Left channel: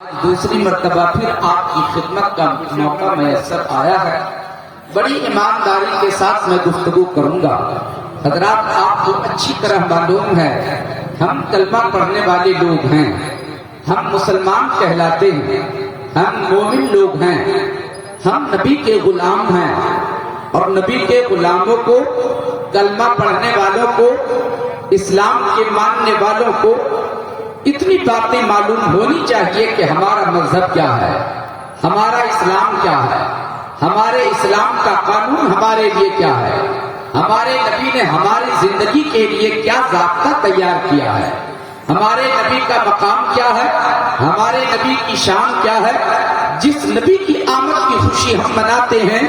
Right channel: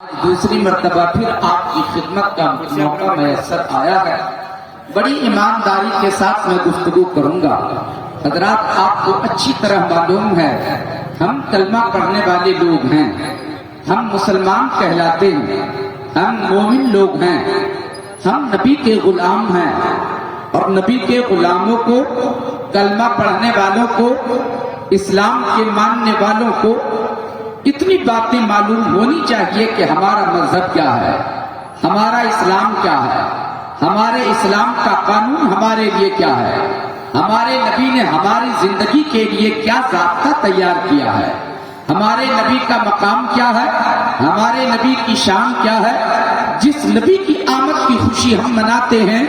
دوسری مرتبہ پھر آپ کی خدمت کا موقع میسر آیا ہے۔ بڑی ایمانداری کے ساتھ میں گفتگو کروں گا۔ حضرات آپ کو اچھی طرح معلوم ہے ہم کلمہ پڑھنے والے لوگ ہیں، ہم مسلمان کہلاتے ہیں، ہم مومن لوگ ہیں، ہم نبی کے غلام ہیں، اور نبی کے غلاموں کو، کلمہ پڑھنے والوں کو، اسلام کے ماننے والوں کو اتنی باتیں معلوم ہونی چاہیے کہ ہمارا مذہب کیا ہے، ہمارا اسلام کیا ہے، ہمارے اسلام کا قانون ہمارے لیے کیا ہے، ہمارے نبی نے ہماری زندگی کے لیے کیا ضابطہ تیار کیا ہے، ہمارے نبی کا مقام کیا ہے، ہمارے نبی کی شان کیا ہے، جس نبی کی آمد کی خوشی ہم مناتے ہیں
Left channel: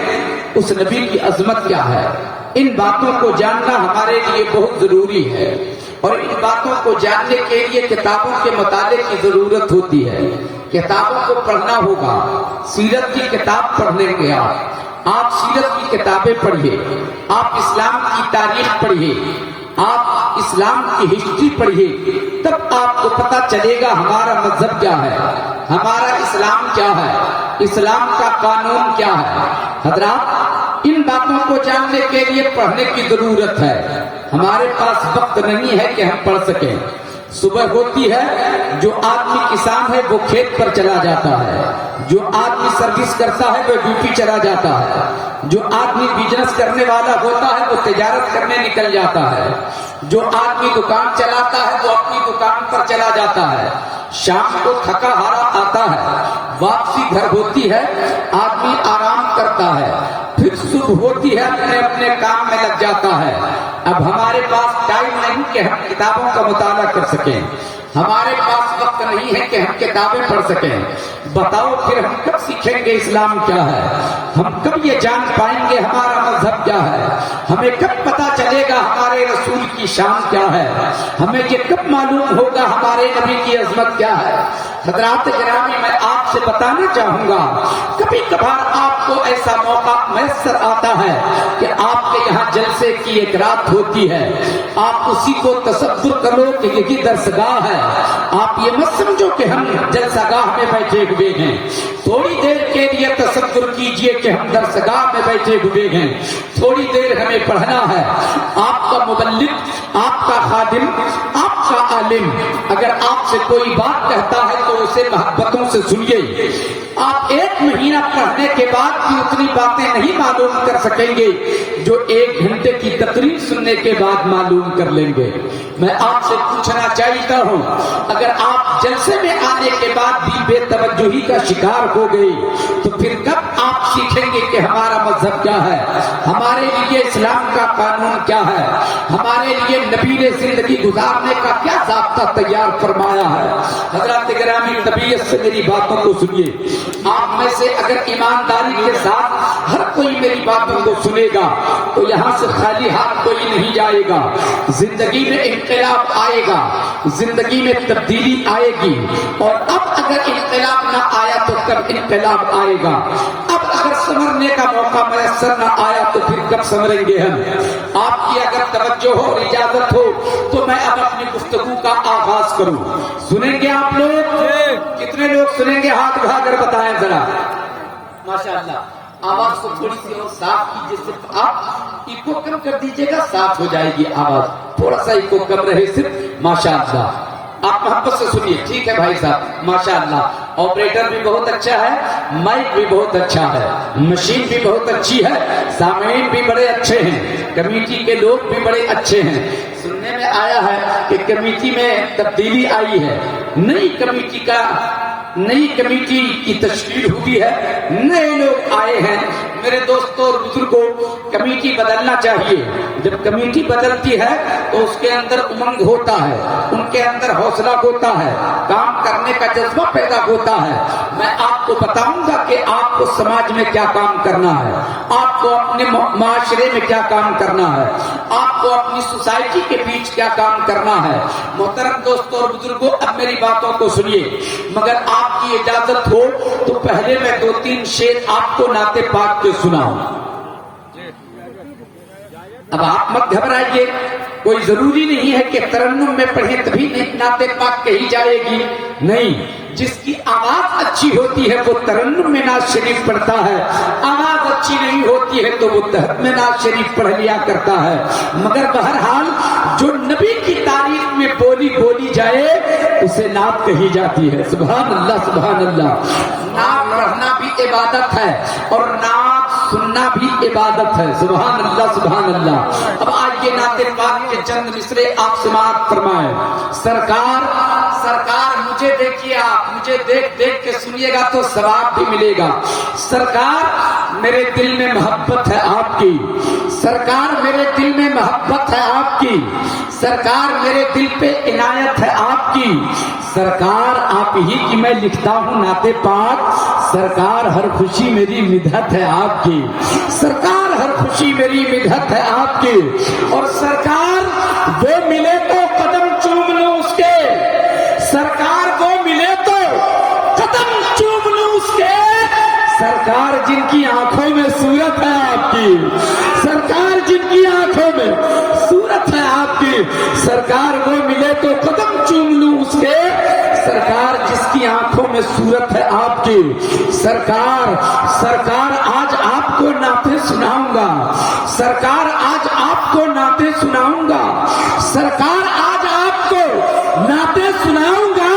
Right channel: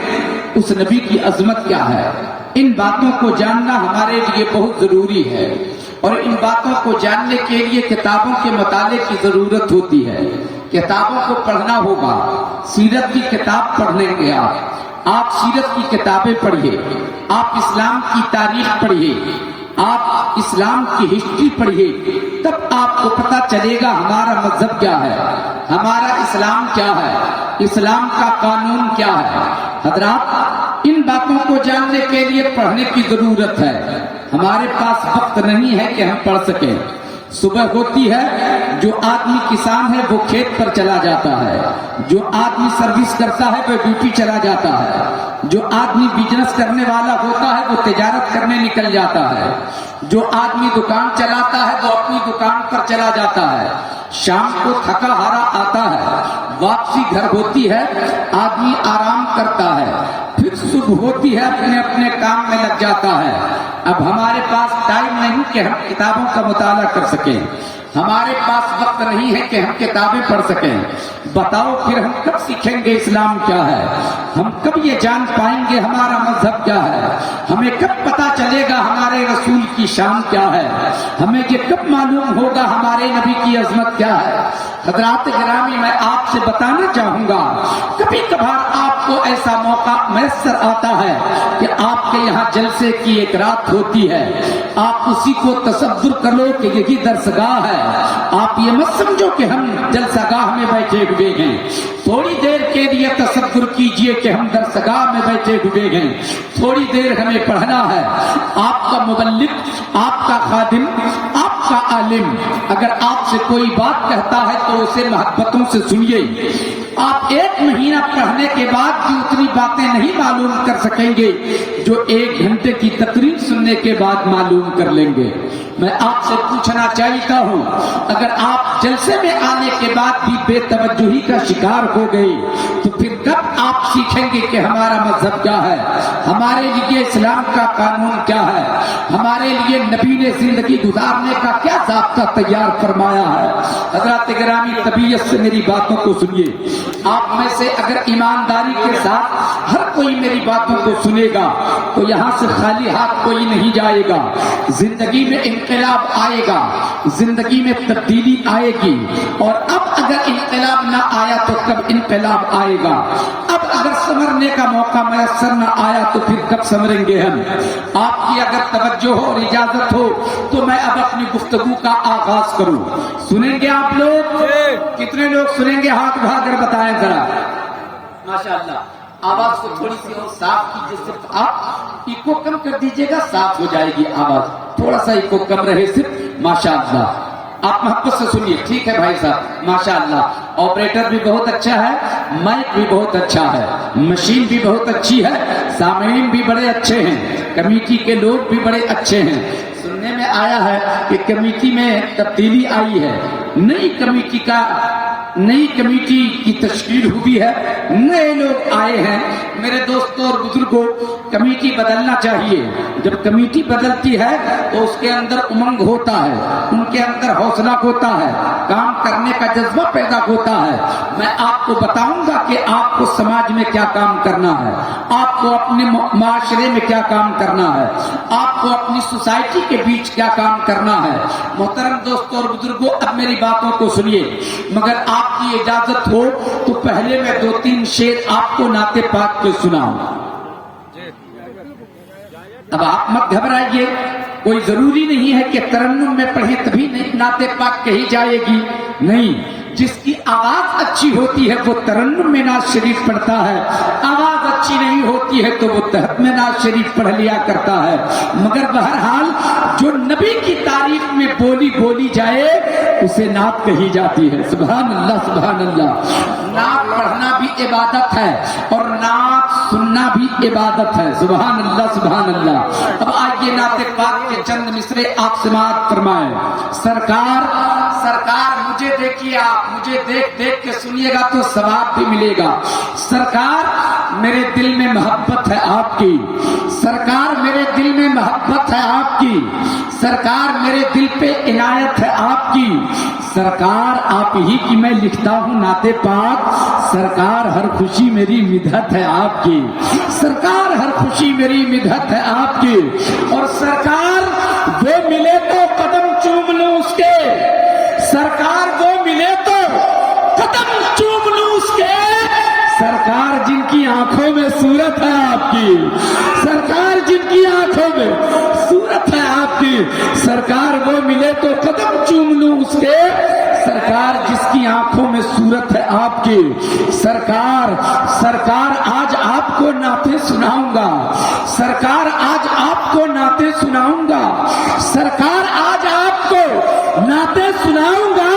اس نبی کی عظمت کیا ہے۔ ان باتوں کو جاننا ہمارے لیے بہت ضروری ہے، اور ان باتوں کو جاننے کے لیے کتابوں کے مطالعے کی ضرورت ہوتی ہے۔ کتابوں کو پڑھنا ہوگا۔ سیرت کی کتاب پڑھنے گے آپ سیرت کی کتابیں پڑھیے، آپ اسلام کی تاریخ پڑھیے، آپ اسلام کی ہسٹری پڑھیے، تب آپ کو پتہ چلے گا ہمارا مذہب کیا ہے، ہمارا اسلام کیا ہے، اسلام کا قانون کیا ہے۔ حضرات ان باتوں کو جاننے کے لیے پڑھنے کی ضرورت ہے۔ ہمارے پاس وقت نہیں ہے کہ ہم پڑھ سکیں۔ صبح ہوتی ہے، جو آدمی کسان ہے وہ کھیت پر چلا جاتا ہے، جو آدمی سروس کرتا ہے وہ ڈیوٹی چلا جاتا ہے، جو آدمی بزنس کرنے والا ہوتا ہے وہ تجارت کرنے نکل جاتا ہے، جو آدمی دکان چلاتا ہے وہ اپنی دکان پر چلا جاتا ہے، شام کو تھکا ہارا آتا ہے، واپسی گھر ہوتی ہے، آدمی آرام کرتا ہے، پھر صبح ہوتی ہے، اپنے اپنے کام میں لگ جاتا ہے۔ اب ہمارے پاس ٹائم نہیں کہ ہم کتابوں کا مطالعہ کر سکیں، ہمارے پاس وقت نہیں ہے کہ ہم کتابیں پڑھ سکیں۔ بتاؤ پھر ہم کب سیکھیں گے اسلام کیا ہے، ہم کب یہ جان پائیں گے ہمارا مذہب کیا ہے، ہمیں کب پتہ چلے گا ہمارے رسول کی شان کیا ہے، ہمیں یہ کب معلوم ہوگا ہمارے نبی کی عظمت کیا ہے۔ حضرات گرامی میں آپ سے بتانا چاہوں گا، کبھی کبھار آپ کو ایسا موقع میسر آتا ہے کہ آپ کے یہاں جلسے کی ایک رات ہوتی ہے، آپ اسی کو تصور کرو کہ یہی درسگاہ ہے، آپ یہ مت سمجھو کہ ہم جلسہ گاہ میں بیٹھے ہوئے ہیں، تھوڑی دیر کے لیے تصور کیجئے کہ ہم درسگاہ میں بیٹھے ہوئے ہیں، تھوڑی دیر ہمیں پڑھنا ہے۔ آپ کا مبلغ، آپ کا خادم، آپ کا عالم اگر آپ سے کوئی بات کہتا ہے تو اسے محبتوں سے سنیے۔ آپ ایک مہینہ پڑھنے کے بعد بھی اتنی باتیں نہیں معلوم کر سکیں گے جو 1 گھنٹے کی تقریر سننے کے بعد معلوم کر لیں گے۔ میں آپ سے پوچھنا چاہتا ہوں، اگر آپ جلسے میں آنے کے بعد بھی بے توجہی کا شکار ہو گئے تو پھر کب آپ سیکھیں گے کہ ہمارا مذہب کیا ہے، ہمارے لیے اسلام کا قانون کیا ہے، ہمارے لیے نبی نے زندگی گزارنے کا کیا ضابطہ تیار فرمایا ہے۔ حضرات گرامی طبیعت سے میری باتوں کو سنیے۔ آپ میں سے اگر ایمانداری کے ساتھ ہر کوئی میری باتوں کو سنے گا تو یہاں سے خالی ہاتھ کوئی نہیں جائے گا۔ زندگی میں انقلاب آئے گا، زندگی میں تبدیلی آئے گی، اور اب اگر انقلاب نہ آیا تو کب انقلاب آئے گا؟ اب اگر سنورنے کا موقع میسر نہ آیا تو پھر کب سنوریں گے ہم؟ آپ کی اگر توجہ ہو اور اجازت ہو تو میں اب اپنی گفتگو کا آغاز کروں۔ سنیں گے آپ لوگ؟ کتنے لوگ سنیں گے؟ ہاتھ اٹھا کر بتائیں ذرا۔ ماشاءاللہ، آواز کو تھوڑی سی صاف کیجیے، صرف آپ ایکو کم کر دیجیے گا، صاف ہو جائے گی آواز، تھوڑا سا ایکو کم رہے صرف۔ ماشاءاللہ آپ محبت سے سنیے، ٹھیک ہے بھائی صاحب؟ ماشاءاللہ آپریٹر بھی بہت اچھا ہے، مائک بھی بہت اچھا ہے، مشین بھی بہت اچھی ہے، سامعین بھی بڑے اچھے ہیں، کمیٹی کے لوگ بھی بڑے اچھے ہیں۔ سننے میں آیا ہے کہ کمیٹی میں تبدیلی آئی ہے، نئی کمیٹی کی تشکیل ہوئی ہے، نئے لوگ آئے ہیں۔ میرے دوستوں اور بزرگوں، کمیٹی بدلنا چاہیے۔ جب کمیٹی بدلتی ہے تو اس کے اندر امنگ ہوتا ہے، ان کے اندر حوصلہ ہوتا ہے، کام کرنے کا جذبہ پیدا ہوتا ہے۔ میں آپ کو بتاؤں گا کہ آپ کو سماج میں کیا کام کرنا ہے، آپ کو اپنے معاشرے میں کیا کام کرنا ہے، آپ کو اپنی سوسائٹی کے بیچ کیا کام کرنا ہے۔ محترم دوستوں اور بزرگوں، اب میری باتوں کو سنیے، مگر آپ کی اجازت ہو تو پہلے میں 2-3 شعر آپ کو نعت پاک کے سناؤں۔ اب آپ مت گھبرائیے، کوئی ضروری نہیں ہے کہ ترنم میں پڑھے تبھی نعت پاک کہی جائے گی، نہیں، جس کی آواز اچھی ہوتی ہے وہ ترنم میں ناز شریف پڑھتا ہے، آواز اچھی نہیں ہوتی ہے تو وہ تہت میں ناز شریف پڑھ لیا کرتا ہے، مگر بہرحال جو نبی کی تعریف میں بولی جائے اسے نعت کہی جاتی ہے۔ سبحان اللہ سبحان اللہ۔ نعت پڑھنا بھی عبادت ہے اور نعت سننا بھی عبادت ہے۔ سبحان اللہ سبحان اللہ۔ اب آئیے نعت پاک کے چند مصرے آپ سماعت فرمائیں۔ سرکار مجھے دیکھیے، آپ مجھے دیکھ کے سنیے گا تو ثواب بھی ملے گا۔ سرکار میرے دل میں محبت ہے آپ کی، سرکار میرے دل میں محبت ہے آپ کی، سرکار میرے دل پہ عنایت ہے آپ کی، سرکار آپ ہی کی میں لکھتا ہوں نعت پاک، سرکار ہر خوشی میری مدحت ہے آپ کی، سرکار ہر خوشی میری مدحت ہے آپ کی، اور سرکار وہ ملے تو قدم چوم لوں اس کے، سرکار وہ ملے تو قدم چوم لوں اس کے، سرکار جن کی آنکھوں میں صورت ہے آپ کی، سرکار جن کی آنکھوں میں صورت ہے آپ کی، سرکار وہ ملے تو قدم چوم لوں اس کے، سرکار جس کی آنکھوں میں صورت ہے آپ کی، سرکار آج آپ کو نعتیں سناؤں گا، سرکار آج آپ کو نعتیں سناؤں گا، سرکار آج آپ کو نعتیں سناؤں گا،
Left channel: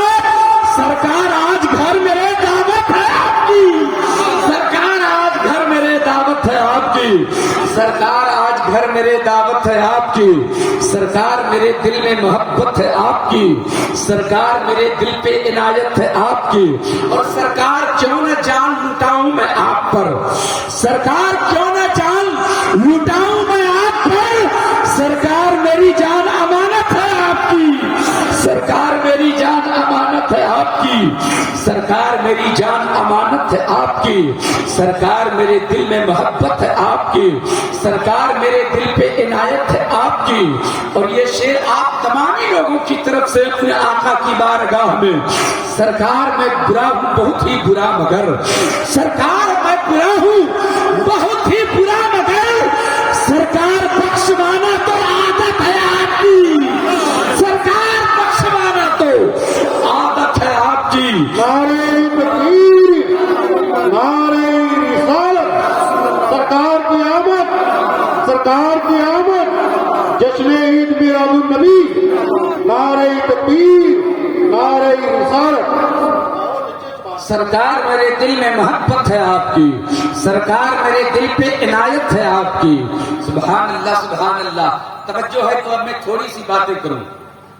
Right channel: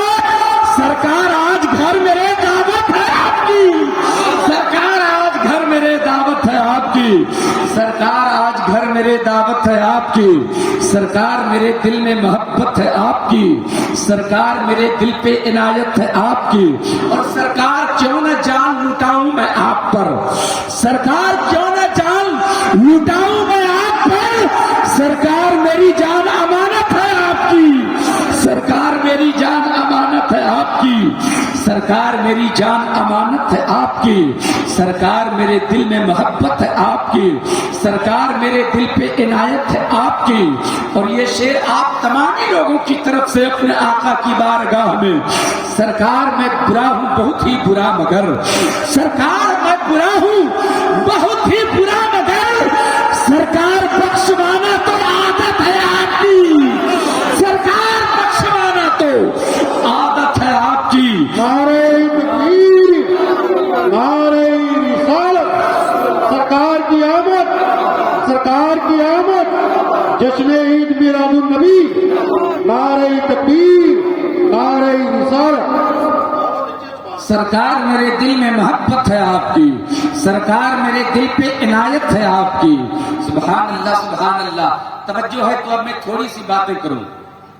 سرکار آج گھر میرے دعوت ہے آپ کی، سرکار آج گھر میرے دعوت ہے آپ کی، سرکار آج گھر میرے دعوت ہے آپ کی، سرکار میرے دل میں محبت ہے آپ کی، سرکار میرے دل پہ عنایت ہے آپ کی، اور سرکار کیوں نہ جان لٹاؤں میں آپ پر، سرکار کیوں نہ جان لٹاؤں میں آپ پر، سرکار میری جان امانت ہے آپ کی، سرکار میری جان امانت ہے آپ کی، سرکار میری جان امانت ہے آپ کی، سرکار میرے دل میں محبت ہے آپ کی، سرکار میرے دل پہ عنایت ہے آپ کی، اور یہ شعر آپ تمام لوگوں کی طرف سے اپنے آقا کی بارگاہ میں، سرکار میں برا ہوں بہت ہی برا مگر، سرکار میں برا ہوں بہت ہی برا مگر، سرکار بخشوانا تو عادت ہے آپ کی، سرکار بخشوانا تو عادت ہے آپ کی، نعرہ تکبیر، نعرہ رسالت، سرکار کی آمد، سرکار کی آمد، جشن عید میلاد النبی، نعرہ تکبیر، نعرہ رسالت۔ سرکار میرے دل میں محبت ہے آپ کی، سرکار میرے دل پہ عنایت ہے آپ کی، سبحان اللہ سبحان اللہ۔ توجہ ہے تو اب میں تھوڑی سی باتیں کروں۔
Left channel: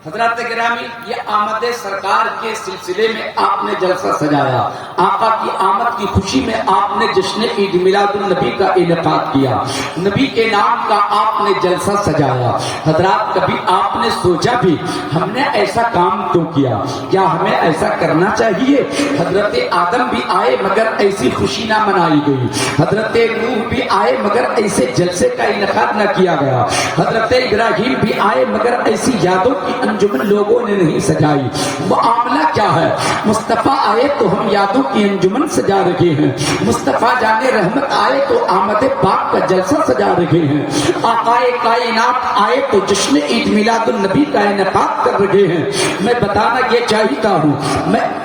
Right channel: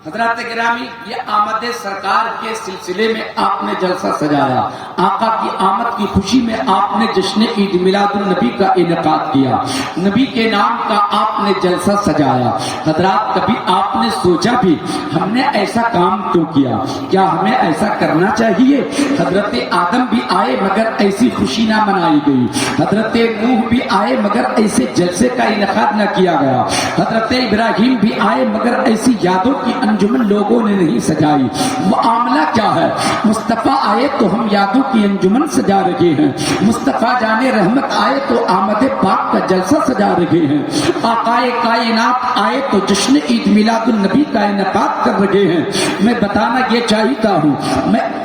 حضرات گرامی، یہ آمد سرکار کے سلسلے میں آپ نے جلسہ سجایا، آقا کی آمد کی خوشی میں آپ نے جشن عید میلاد النبی کا انعقاد کیا، نبی کے نام کا آپ نے جلسہ سجایا۔ حضرات کبھی آپ نے سوچا بھی ہم نے ایسا کام کیوں کیا؟ کیا ہمیں ایسا کرنا چاہیے؟ حضرت آدم بھی آئے مگر ایسی خوشی نہ منائی گئی، حضرت نوح بھی آئے مگر ایسے جلسے کا انعقاد نہ کیا گیا، حضرت ابراہیم بھی آئے مگر ایسی یادوں کی انجمن لوگوں نے نہیں سجائی۔ معاملہ کیا ہے؟ مصطفیٰ آئے تو ہم یادوں کی انجمن سجا رہے ہیں، مصطفیٰ جانے رحمت آئے تو آمد پاک کا جلسہ سجا رہے ہیں، آقائے کائنات آئے تو جشن عید میلاد النبی کا انعقاد کر رہے ہیں۔ میں بتانا یہ چاہتا ہوں،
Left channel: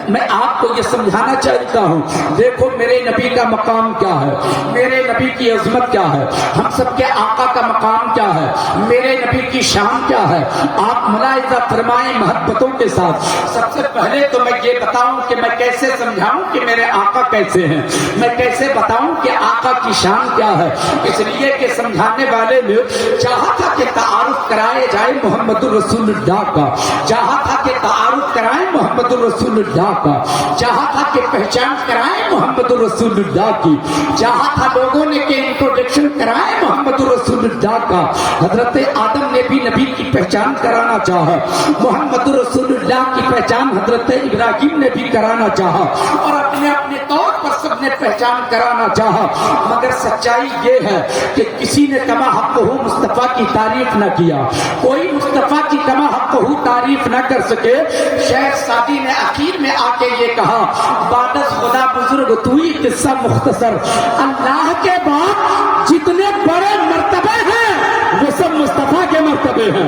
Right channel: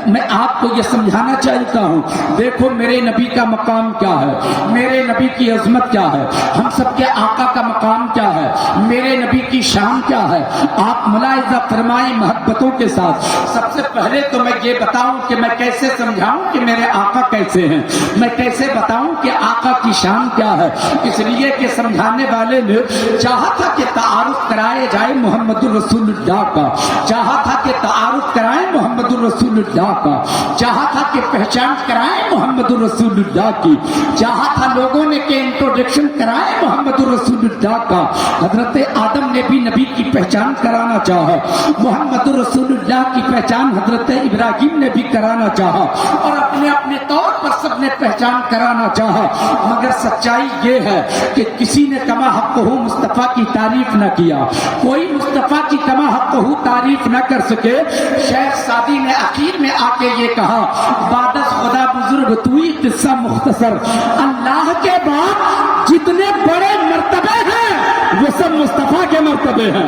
میں آپ کو یہ سمجھانا چاہتا ہوں، دیکھو میرے نبی کا مقام کیا ہے، میرے نبی کی عظمت کیا ہے، ہم سب کے آقا کا مقام کیا ہے، میرے نبی کی شان کیا ہے، آپ ملاحظہ فرمائیں محبتوں کے ساتھ۔ سب سے پہلے تو میں یہ بتاؤں کہ میں کیسے سمجھاؤں کہ میرے آقا کیسے ہیں، میں کیسے بتاؤں کہ آقا کی شان کیا ہے، اس لیے کہ سمجھانے والے نے چاہا تھا کہ تعارف کرائے جائے محمد الرسول اللہ کا، چاہا تھا کہ تعارف کرائے محمد الرسول اللہ کا، چاہا تھا کہ پہچان کرائے محمد الرسول اللہ کی، چاہا تھا لوگوں نے کہ انٹروڈکشن کرائے محمد الرسول اللہ کا۔ حضرت آدم نے بھی نبی کی پہچان کرانا چاہا، محمد رسول اللہ کی پہچان حضرت ابراہیم نے بھی کرانا چاہا، اور اپنے اپنے طور پر سب نے پہچان کرانا چاہا، مگر سچائی یہ ہے کہ کسی نے کما حق ہو مصطفیٰ کی تعریف نہ کیا، کوئی مصطفیٰ کی کما حق ہو تعریف نہ کر سکے۔ شیخ سعدی نے آخر میں آ کے یہ کہا، بادس خدا بزرگ توئی قصہ مختصر، اللہ کے بعد جتنے بڑے مرتبے ہیں وہ سب مصطفیٰ کے مرتبے ہیں،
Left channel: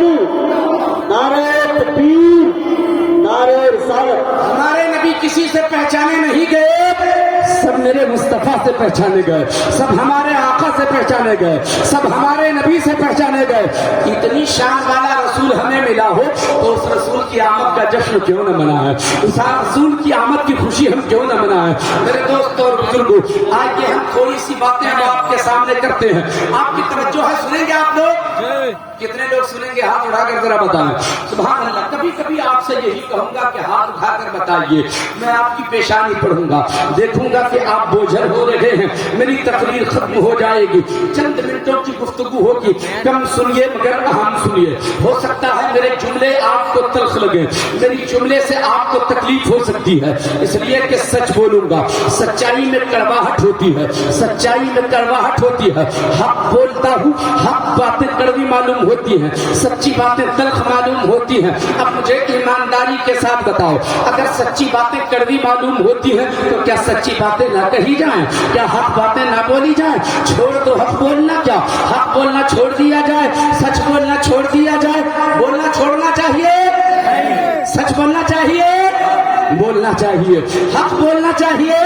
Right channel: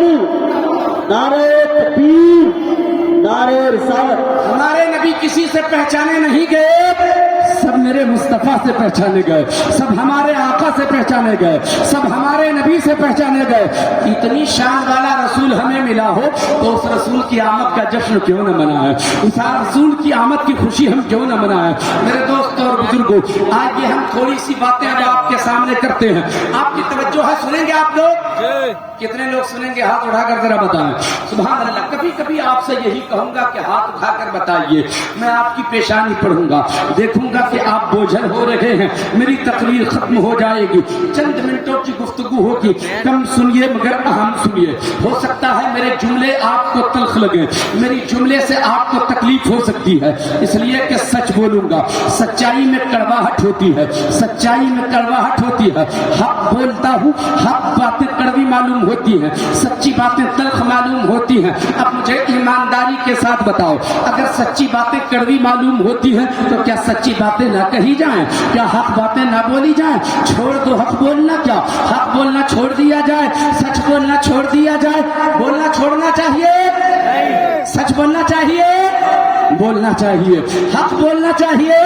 تعالی، نعرہ تکبیر، نعرہ رسالت۔ ہمارے نبی کسی سے پہچانے نہیں گئے، سب میرے مصطفیٰ سے پہچانے گئے، سب ہمارے آقا سے پہچانے گئے، سب ہمارے نبی سے پہچانے گئے۔ اتنی شان والا رسول ہمیں ملا ہو تو اس رسول کی آمد کا جشن کیوں نہ منائے، اس رسول کی آمد کی خوشی ہم کیوں نہ منائے۔ میرے دوستوں اور بزرگوں، آج یہ ہم تھوڑی سی باتیں اب آپ کے سامنے کرتے ہیں، آپ کی توجہ ہے، سنیں گے آپ لوگ؟ کتنے لوگ سنیں گے؟ ہاتھ اٹھا کر ذرا بتائیں۔ سبحان اللہ۔ کبھی کبھی آپ سے یہی کہوں گا کہ ہاتھ اٹھا کر بتائیے، میں آپ کی پیشانی پڑھوں گا، دیکھوں گا کہ آپ بوجھل ہو رہے ہیں، میری تقریر ختم ہو جائے گی، چند منٹوں کی گفتگو ہوگی، کم سنیے مگر اہم سنیے۔ ہو سکتا ہے میرے جملے آپ کو تلخ لگے، میری جملے سے آپ کو تکلیف ہو سکتی ہے، اس لیے کہ سچ بولوں گا۔ سچائی میں کڑواہٹ ہوتی ہے، سچائی میں کڑواہٹ ہوتی ہے۔ حق بولتا ہوں، حق باتیں کڑوی معلوم ہوتی ہیں، سچی باتیں تلخ معلوم ہوتی ہیں۔ اب مجھے ایمانداری کے ساتھ بتاؤ، اگر سچی باتیں کڑوی معلوم ہوتی ہیں تو کیا سچی باتیں نہ کہی جائیں؟ کیا حق باتیں نہ بولی جائیں؟ چھوڑ دو حق بولنا، کیا حق بولنا چھوڑ دیا جائے؟ سچ بولنا چھوڑ دیا جائے؟ بولنا چھوڑنا چاہیے، سچ بولنا چاہیے، بولنا چاہیے، حق بولنا چاہیے،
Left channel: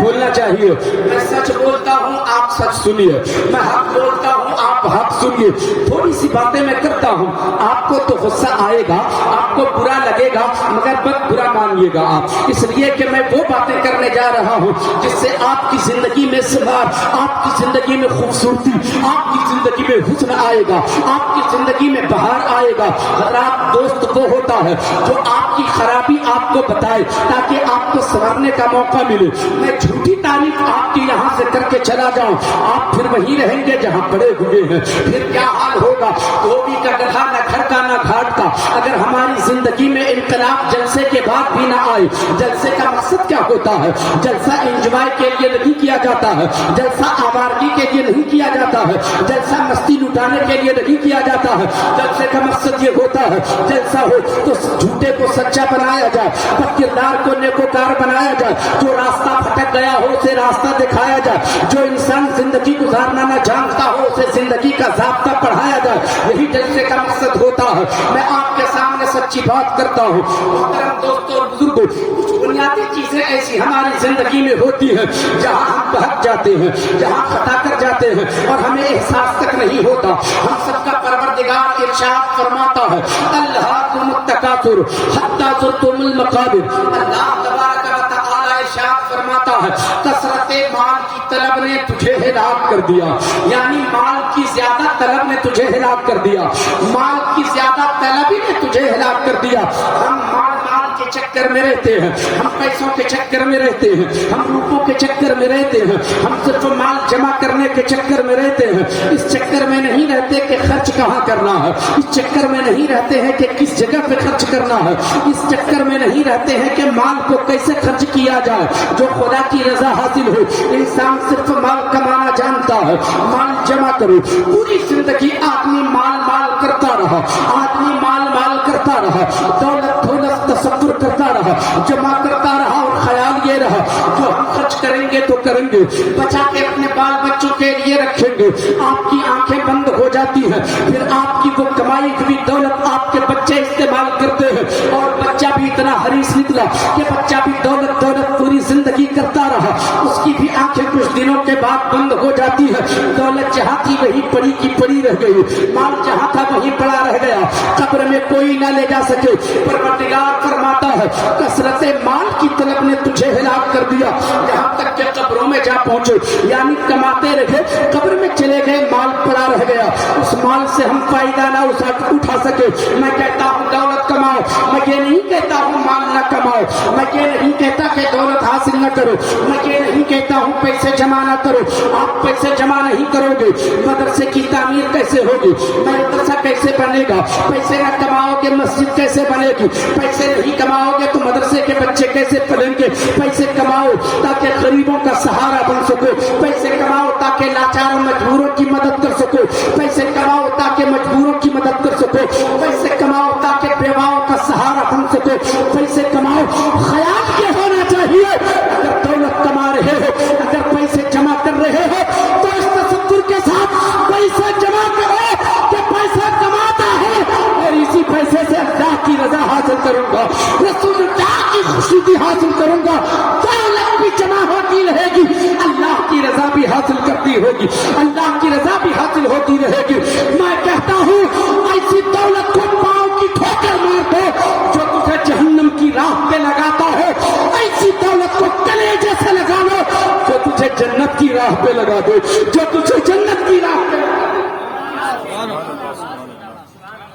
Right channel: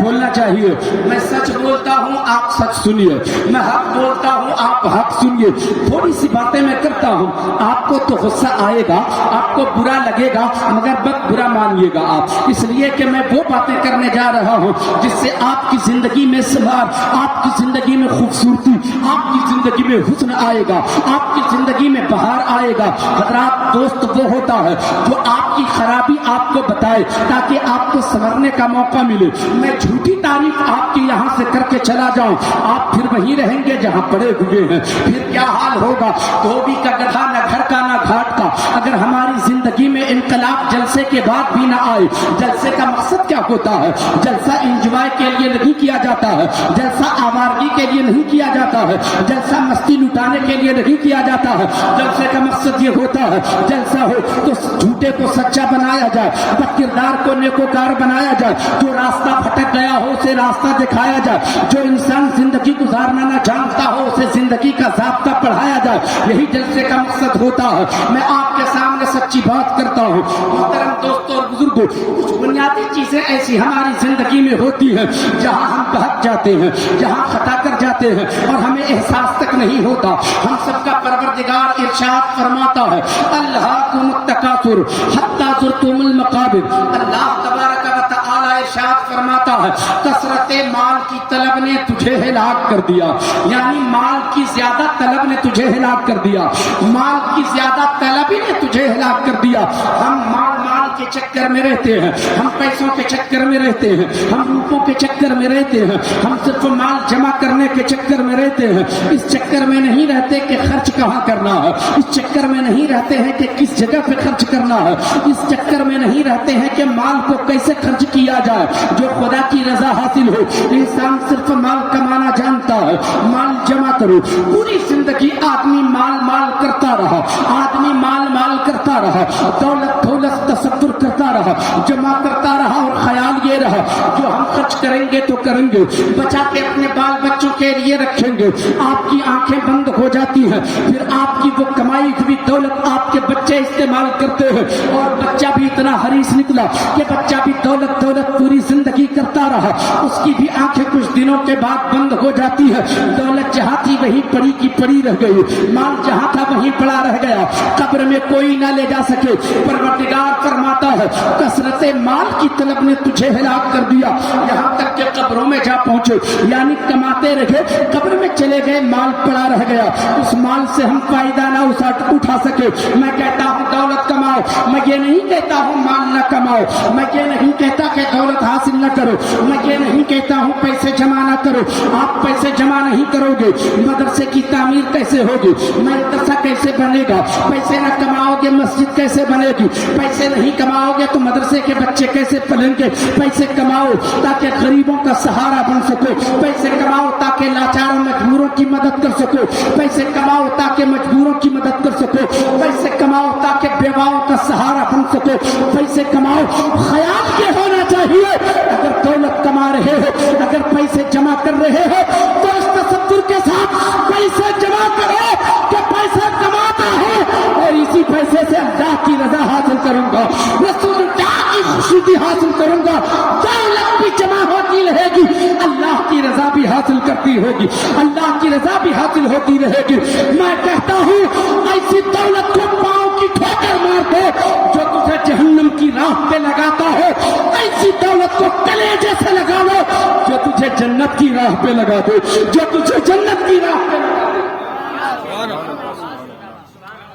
بولنا چاہیے۔ میں سچ بولتا ہوں، آپ سچ سنیے، میں حق بولتا ہوں، آپ حق سنیے۔ تھوڑی سی باتیں میں کرتا ہوں، آپ کو تو غصہ آئے گا، آپ کو برا لگے گا، مگر بس برا مانیے گا آپ، اس لیے کہ میں وہ باتیں کرنے جا رہا ہوں جس سے آپ کی زندگی میں سمار، آپ کی زندگی میں خوبصورتی، آپ کی زندگی میں حسن آئے گا، آپ کی زندگی میں بہار آئے گا۔ حضرات، دوست وہ ہوتا ہے جو آپ کی خرابی آپ کو بتائے تاکہ آپ کو سنورنے کا موقع ملے۔ میں جھوٹی تعریف آپ کی یہاں سے کر کے چلا جاؤں، آپ پھر وہیں رہیں گے جہاں پڑے ہوئے ہیں، پھر کیا حال ہوگا؟ دھوبی کا گدھا، نہ گھر کا نہ گھاٹ کا۔ اگر ہماری زندگی میں انقلاب جلسے کے بعد بھی نہ آئے، جلسے کا مقصد کیا ہوتا ہے؟ جلسہ انجوائے کے لیے نہیں کیا جاتا ہے، جلسہ آوارگی کے لیے نہیں کیا جاتا ہے، جلسہ مستی لٹانے کے لیے نہیں کیا جاتا ہے۔ جلسے کا مقصد یہ ہوتا ہے، جلسہ ہو تو جھوٹے کو سچا بنایا جائے، بد کردار کو نیکوکار بنایا جائے، جو راستہ بھٹک گیا ہو اسے راستہ دکھایا جائے، جو انسان زندگی گزارنا نہ جانتا ہو اسے زندگی کا ضابطہ پڑھایا جائے۔ یہی جلسے کا مقصد ہوتا ہے۔ میں آپ کے سامنے سچی بات کرتا ہوں۔ محترم دوستوں اور بزرگوں، کچھ بنیادی چیزیں ایسی ہماری زندگی میں ہوتی ہیں جہاں ہم بہک جاتے ہیں، جہاں خطا کر جاتے ہیں اور ہمیں احساس تک نہیں ہوتا۔ ہم سب کا پروردگار ارشاد فرماتا ہے، الہاکم التکاثر حتی زرتم المقابر۔ اللہ تبارک و تعالی ارشاد فرماتا ہے، کثرت مال کی طلب نے تجھے ہلاک کر دیا، یعنی مال کی زیادہ طلب نے تجھے ہلاک کر دیا، مال کی زیادہ طلب ہی نے تجھے ہلاک کر دیا۔ ہم مال کے چکر میں رہتے ہیں، ہم پیسوں کے چکر میں رہتے ہیں، ہم روپوں کے چکر میں رہتے ہیں، ہم صرف مال جمع کرنے کے چکر میں رہتے ہیں۔ اس چکر میں نہیں رہتے کہ خرچ کہاں کرنا ہے، اس چکر میں نہیں رہتے ہیں کہ کس جگہ پہ خرچ کرنا ہے، اس چکر میں نہیں رہتے ہیں کہ مال کو کیسے خرچ کیا جائے جو خدا کی رضا حاصل ہو۔ انسان صرف مال کمانا جانتا ہے، مال جمع کرو۔ پوری زندگی آدمی مال مال کرتا رہا، آدمی مال مال کرتا رہا، دولت دولت تصور کرتا رہا، جمع کرتا رہا، اور خیال یہ رہا جو ہم خرچ کریں گے تو کریں گے، بچا کے اپنے بال بچوں کے لیے رکھیں گے۔ آپ کی آنکھیں بند ہو جاتی ہیں، پھر آپ کی وہ کمائی ہوئی دولت آپ کے بچے استعمال کرتے ہیں، اور بچہ بھی اتنا حریص نکلا کہ بچہ بھی دولت دولت پوری زندگی کرتا رہا، اس کی بھی آنکھیں کچھ دنوں کے بعد بند ہو جاتی ہے۔ دولت جہاں تھی وہی پڑی کی پڑی رہ گئی، مال جہاں تھا وہیں پڑا رہ گیا، قبر میں کوئی نہ لے جا سکے۔ پروردگار فرماتا ہے، کثرت مال کی طلب نے تجھے ہلاک کر دیا، یہاں تک کہ قبروں میں جا پہنچے، یعنی کماتے رہے، قبر میں چلے گئے، مال پڑا رہ گیا، اس مال سے ہم فائدہ نہ اٹھا سکے۔ میں کہتا ہوں دولت کماؤ، میں یہ نہیں کہتا ہوں مال نہ کماؤ، میں یہ نہیں کہتا کہ دولت حاصل نہ کرو، میں یہ نہیں کہتا ہوں پیسے جمع نہ کرو۔ آپ پیسے جمع نہیں کرو گے، مدرسے کی تعمیر کیسے ہوگی، مدرسہ کیسے بنے گا؟ پیسے نہ کماؤ گے، مسجد کیسے بنے گی؟ پیسے نہیں کماؤ گے تو مدرسے کے بچے کیسے پلیں گے؟ پیسے کماؤ تاکہ غریبوں کا سہارا بن سکو، پیسے کماؤ تاکہ لاچار مجبوروں کی مدد کر سکو، پیسے کماؤ تاکہ مجبوروں کی مدد کر سکو، پیسے کماؤ تاکہ بیواؤں کا سہارا بن سکو، پیسے کماؤ۔ خیال یہ ہونا چاہیے، اگر دولت کما رہے ہو، اگر پیسے جمع کر رہے ہو تو اس تصور کے ساتھ پیسے جمع کرو کہ پیسہ کماتا ہے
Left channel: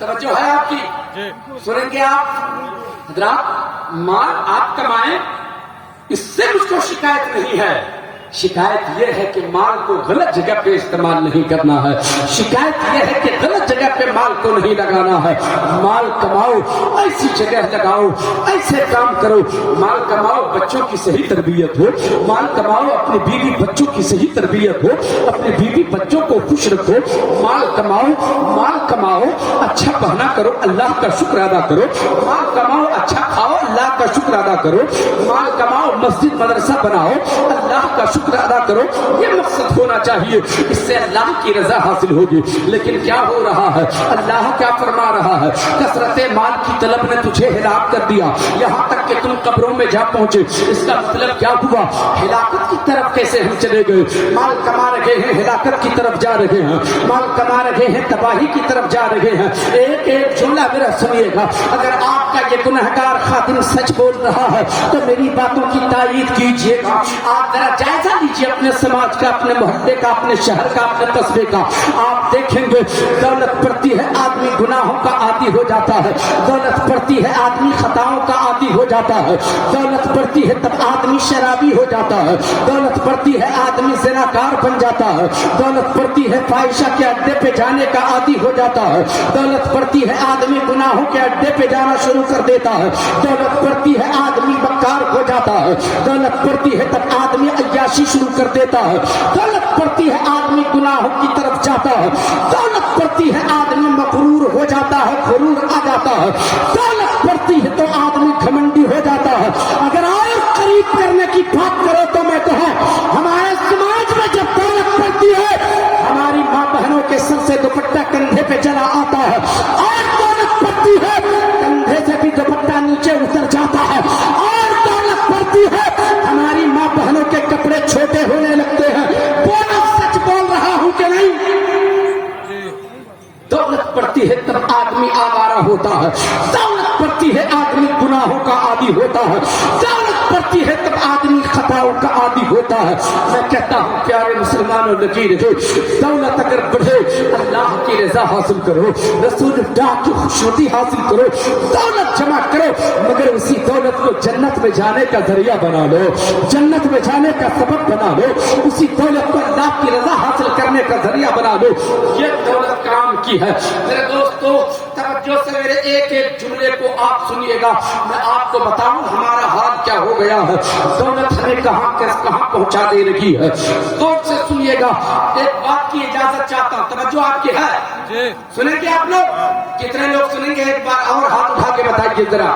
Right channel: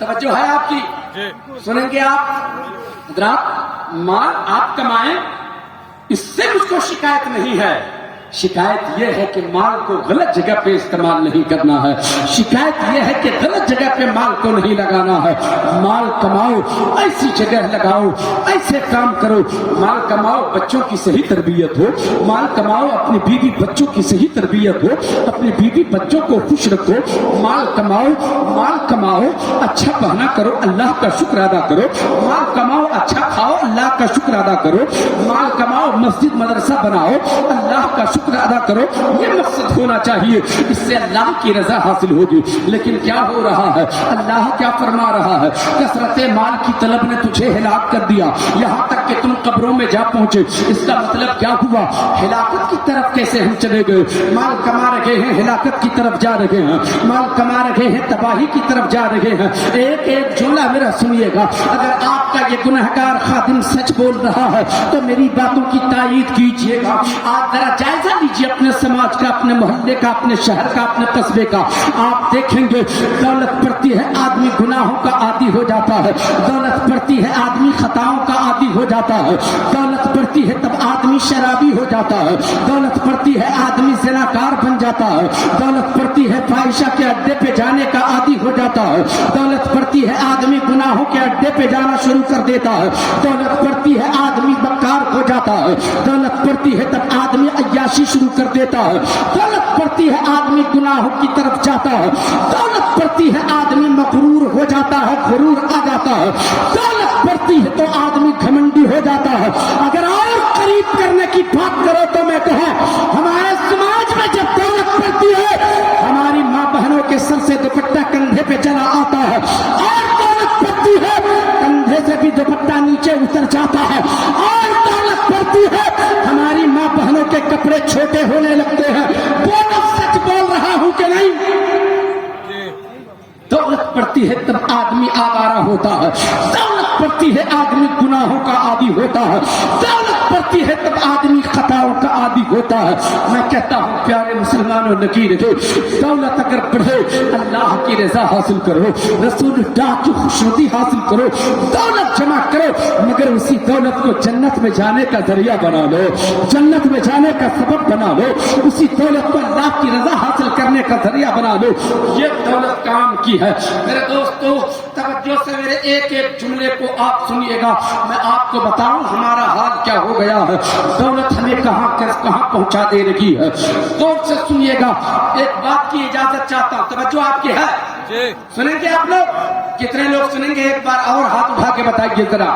توجہ ہے آپ کی؟ سنیں گے آپ حضرات؟ مال آپ کمائیں، اس سے مجھ کو شکایت نہیں ہے، شکایت یہ ہے کہ مال کو غلط جگہ پہ استعمال نہیں کرنا ہے، شکایت یہ ہے کہ غلط جگہ پہ مال کو نہیں لگانا ہے۔ مال کماؤ، ایسی جگہ لگاؤ، ایسے کام کرو، مال کماؤ بچوں کی صحیح تربیت ہو، مال کماؤ اپنی بیوی بچوں کی صحیح تربیت ہو، اپنے بیوی بچوں کو خوش رکھو، مال کماؤ اچھا پہنا کرو، اللہ کا شکر ادا کرو، مال کماؤ اچھا کھاؤ، اللہ کا شکر ادا کرو، مال کماؤ مسجد مدرسہ بناؤ، اللہ کا شکر ادا کرو، یہ مقصد ہونا چاہیے، اس سے اللہ کی رضا حاصل ہوگی۔ لیکن کیا ہو رہا ہے؟ اللہ کیا فرما رہا ہے؟ کثرت مال کی طلب نے تجھے ہلاک کر دیا، یہاں تک کہ تم قبروں میں جا پہنچے۔ اس کا مطلب کیا ہوا؟ ہلاکت کی طرف کیسے ہم چلے گئے؟ مال کما رہے ہیں، ہلاکت کی طرف جا رہے ہیں، مال کما رہے ہیں، تباہی کی طرف جا رہے ہیں۔ ایک ایک جملہ میرا سنیے گا، اگر آپ کا یہ گنہگار خادم سچ بول رہا ہے تو میری باتوں کی تائید کیجیے گا۔ آپ ذرا جائزہ لیجیے اپنے سماج کا، اپنے محلے کا، اپنے شہر کا، اپنے قصبے کا۔ آپ دیکھیں گے دولت بڑھتی ہے آدمی گناہوں کا عادی ہو جاتا ہے، دولت بڑھتی ہے آدمی خطاؤں کا عادی ہو جاتا ہے، دولت بڑھتی ہے تب آدمی شرابی ہو جاتا ہے، دولت بڑھتی ہے آدمی زناکار بن جاتا ہے، دولت بڑھتی ہے فاحشہ کے اڈے پہ جانے کا عادی ہو جاتا ہے، دولت بڑھتی ہے آدمی گناہوں کے اڈے پہ جانا شروع کر دیتا ہے، دولت بڑھتی ہے آدمی بکار ہو جاتا ہے، دولت بڑھتی ہے تب آدمی عیاشی شروع کر دیتا ہے، دولت بڑھتی ہے آدمی گناہوں کی طرف جاتا ہے، دولت بڑھتی ہے آدمی مغرور ہو جاتا ہے، غرور آ جاتا ہے، دولت بڑھتی ہے تو آدمی گھمنڈی ہو جاتا ہے۔ اگر اور قریب کرنے کی بات کرو تو میں کہوں ہمارے سماج میں جب دولت بڑھتی ہے ہماری ماں بہنوں کے سر سے دوپٹہ کندھے پہ چلا آتا ہے، اور دولت بڑھتی ہے کندھے سے بھی دوپٹہ نیچے اتر جاتا ہے، اور دولت بڑھتی ہے ہماری ماں بہنوں کے کپڑے چھوٹے ہونے لگتے ہیں۔ بولو سچ بول رہا ہوں کہ نہیں؟ دولت بڑھتی ہے تب آدمی آوارہ ہوتا ہے، دولت بڑھتی ہے آدمی گناہوں کا عادی ہوتا ہے، دولت بڑھتی ہے تب آدمی خطاؤں کا عادی ہوتا ہے۔ میں کہتا ہوں پیارے مسلمانوں نکیر ہو، دولت اگر بڑھے اللہ کی رضا حاصل کرو، رسول اللہ کی خوشنودی حاصل کرو، دولت جمع کرو، مگر اسی دولت کو جنت میں جانے کا ذریعہ بنا لو، جنت میں جانے کا سبب بنا لو، اسی دولت کو اللہ کی رضا حاصل کرنے کا ذریعہ بنا لو۔ یہ دولت کام کی ہے۔ میرے دوستو توجہ سے میرے ایک ایک جملے کو آپ سنیے گا، میں آپ کو بتاؤں ہمارا حال کیا ہو گیا ہے، دولت ہمیں کہاں پہنچا دے رہی ہے۔ غور سے سنیے گا، ایک بات کی اجازت چاہتا ہوں، توجہ آپ کی ہے؟ سنیں گے آپ لوگ؟ کتنے لوگ سنیں گے؟ ایک بار اور ہاتھ اٹھا کے بتائیے ذرا۔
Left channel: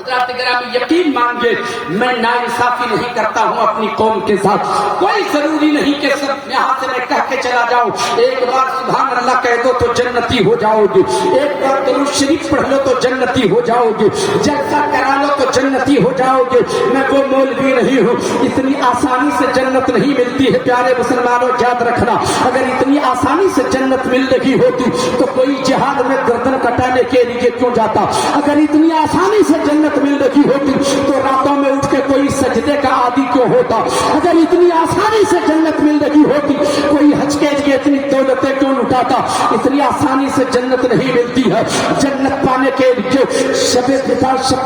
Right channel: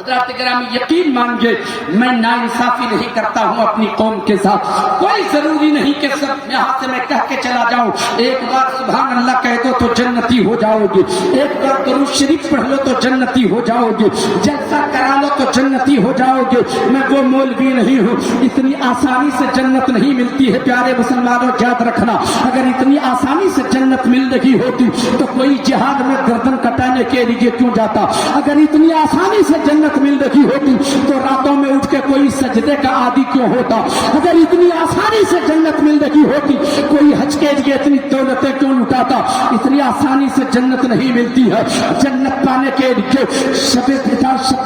حضرات گرامی یقین مانیے میں ناانصافی نہیں کرتا ہوں اپنی قوم کے ساتھ، کوئی ضروری نہیں کہ صرف یہاں سے میں کہہ کے چلا جاؤں ایک بار سبحان اللہ کہہ دو تو جنتی ہو جاؤ گے، ایک بار درود شریف پڑھ لو تو جنتی ہو جاؤ گے، جلسہ کرا لو تو جنتی ہو جاؤ گے۔ میں وہ مولوی نہیں ہوں، اتنی آسانی سے جنت نہیں ملتی ہے پیارے مسلمانوں، یاد رکھنا۔ اگر اتنی آسانی سے جنت مل رہی ہوتی تو کوئی جہاد میں گردن کٹانے کے لیے کیوں جاتا؟ اگر اتنی آسانی سے جنت مل رہی ہوتی تو راتوں میں اٹھ کے کوئی سجدے کا عادی کیوں ہوتا؟ اگر اتنی آسانی سے جنت مل رہی ہوتی کوئی حج کے لیے اتنی دولتیں کیوں لٹاتا؟ اتنی آسانی سے جنت نہیں ملتی ہے، جنت پانے کے لیے شب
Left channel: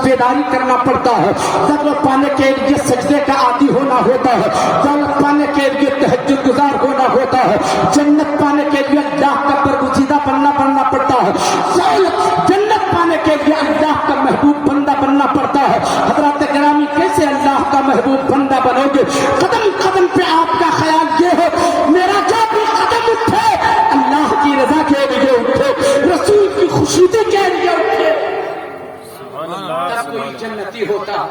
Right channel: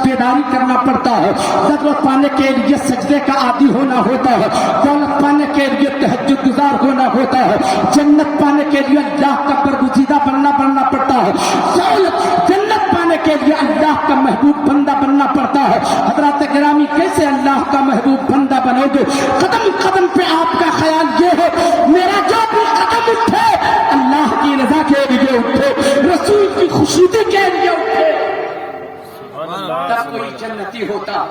بیداری کرنا پڑتا ہے، دولت پانے کے لیے سجدے کا عادی ہونا ہوتا ہے، دولت پانے کے لیے تہجد گزار ہونا ہوتا ہے، جنت پانے کے لیے اللہ کا برگزیدہ بننا پڑتا ہے، جنت پانے کے لیے اللہ کا محبوب بندہ بننا پڑتا ہے۔ حضرات گرامی کیسے اللہ کا محبوب بندہ بنو گے؟ قدم قدم پہ آپ کا خیال یہ ہے میرے جو بھی قدم اٹھے اللہ کی رضا کے لیے اٹھے، رسول کی خوشنودی کے لیے اٹھے، کوئی جنتی ہوتا۔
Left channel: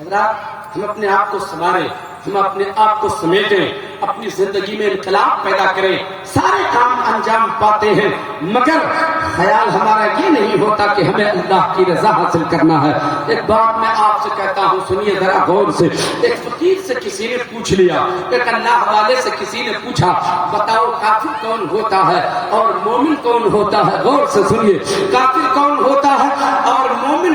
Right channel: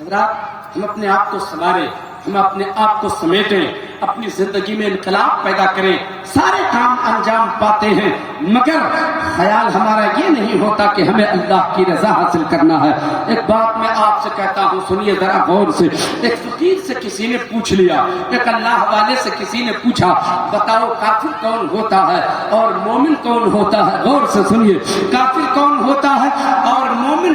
حضرات ہم اپنے آپ کو سنواریں، ہم اپنے آپ کو سمیٹیں، اپنی زندگی میں انقلاب پیدا کریں، سارے کام انجام پاتے ہیں، مگر خیال ہمارا یہ نہیں ہوتا کہ ہمیں اللہ کی رضا حاصل کرنا ہے۔ ایک بات میں آپ سے کہتا ہوں سنیے ذرا غور سے، ایک فقیر سے کسی نے پوچھ لیا، ایک اللہ والے سے کسی نے پوچھا بتاؤ کافر کون ہوتا ہے اور مومن کون ہوتا ہے؟ غور سے سنیے، کافر کون ہوتا ہے اور مومن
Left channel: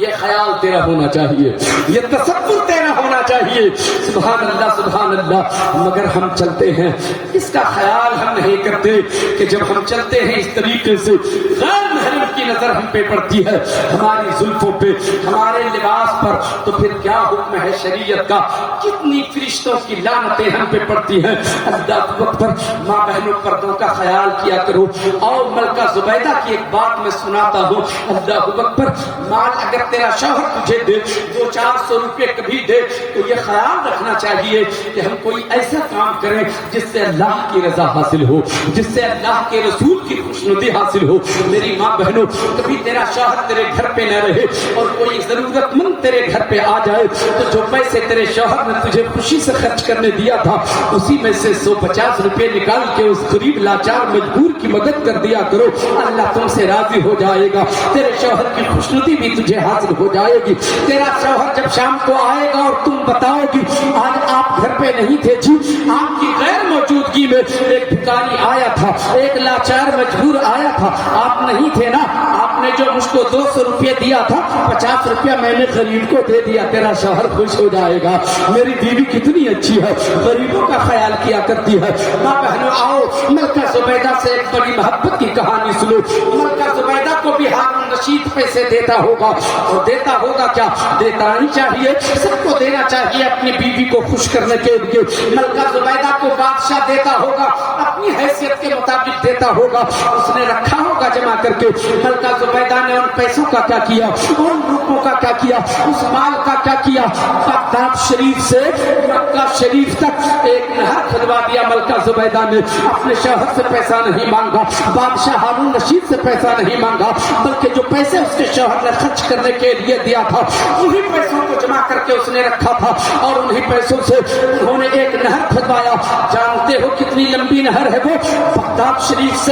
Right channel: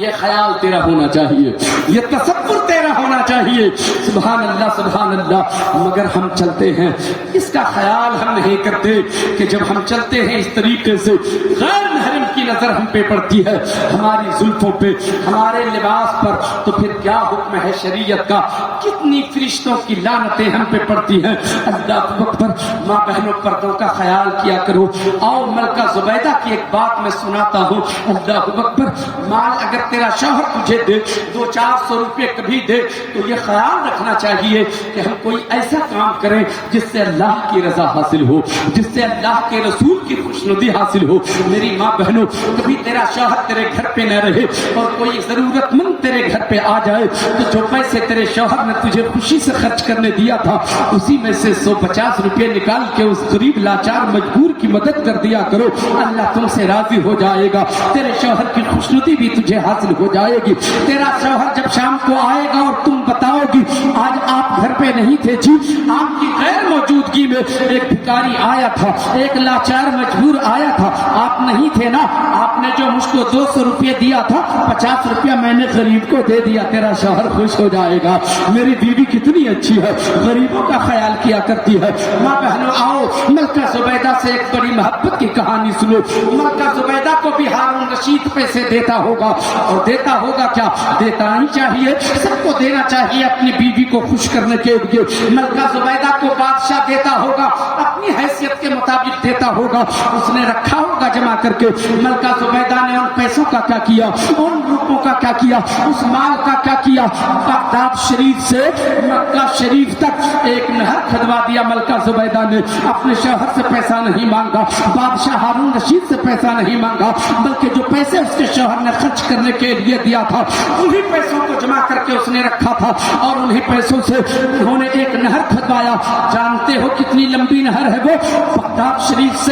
یہ خیال تیرا ہونا چاہیے, یہ تصور تیرا ہونا چاہیے. سبحان اللہ, مگر ہم چلتے ہیں اس کا خیال ہم نہیں کرتے کہ جب ہم چلتے ہیں اس طریقے سے غیر محرم کی نظر ہم پہ پڑتی ہے, ہماری زلفوں پہ, ہمارے لباس پر, تو پھر کیا حکم ہے شریعت کا؟ کتنی فرشتوں کی لعنتیں ہم پہ پڑتی ہیں. اللہ اکبر. ماں بہنوں, پردوں کا خیال کیا کرو. اور ملکہ زبیدہ کی ایک بات میں سناتا ہوں. اللہ اکبر. مال اگر تیرا شوہر تجھے دے 200-400 روپے کبھی دے تو یہ خیال رکھنا چاہیے کہ ہم کوئی ایسا کام کریں جس سے اللہ کی رضا حاصل ہو, جس سے اللہ کے رسول کی خوشنودی حاصل ہو. میری ماں بہنوں, کبھی تیرا شوہر تیرے گھر پہ نہ رہے اور کوئی ضرورت مند تیرے گھر پہ آ جائے تو جو پیسے تیرے شوہر نے تجھے خوشی سے خرچ کرنے دیا تھا اسی میں سے 150 روپے نکال کے اس غریب لاچار مجبور کی مدد کر دیا کرو. اللہ تم سے راضی ہو جائے گا, تیرے شوہر کی خوشنودی بھی تجھے حاصل ہو جائے گی. تیرا شوہر جب شام کو آئے گا اور تم بتاؤ گی آج آپ گھر پہ نہیں تھے جی, آپ کی غیر موجودگی میں ایک بھکاری آیا تھا, ایک لاچار مجبور آیا تھا, آپ نہیں تھے نا, آپ نے جو مجھ کو 200 روپے دیا تھا 50 روپیہ میں نے غریب کو دے دیا. تیرا شوہر خوش ہو جائے گا. میری بیوی کتنی اچھی ہے, غریبوں کا خیال کیا کرتی ہے. ماں بہنوں آؤ, ملکہ زبیدہ سے ایک بڑی محبت کی کہانی سنو. ملکہ زبیدہ کو بھی ہارون رشید پیسے دیتا ہوگا, اور دیتا ہوگا کیا, دیتا نہیں چاہیے, سب کو دینا چاہیے اپنی بیوی کو خوش کرنے کے لیے. ملکہ زبیدہ کو بادشاہ دیتا ہوگا, اپنی حیثیت کے مطابق دیتا ہوگا, اس نے رکھا ہوگا جمع کر کے. ملکہ زبیدہ نے ان پیسوں کا کیا کیا, ان روپوں کا کیا کیا, اس مال کا کیا کیا, بغداد شریف سے مکہ شریف تک ایک نہر کھدوا دیا. ملکہ زبیدہ نے اپنے شوہر سے پیسہ نہیں مانگا, بادشاہ ہارون رشید سے پیسہ نہیں مانگا, بلکہ جو پیسے اس کے شوہر نے خرچ کرنے کے لیے دیا تھا انہی پیسوں کو جمع کر کے اس نے رکھا تھا, اور انہی پیسوں سے انہوں نے ایک نہر کھدوایا. جانتے ہو کتنی لمبی نہر ہے وہ؟ بغداد شریف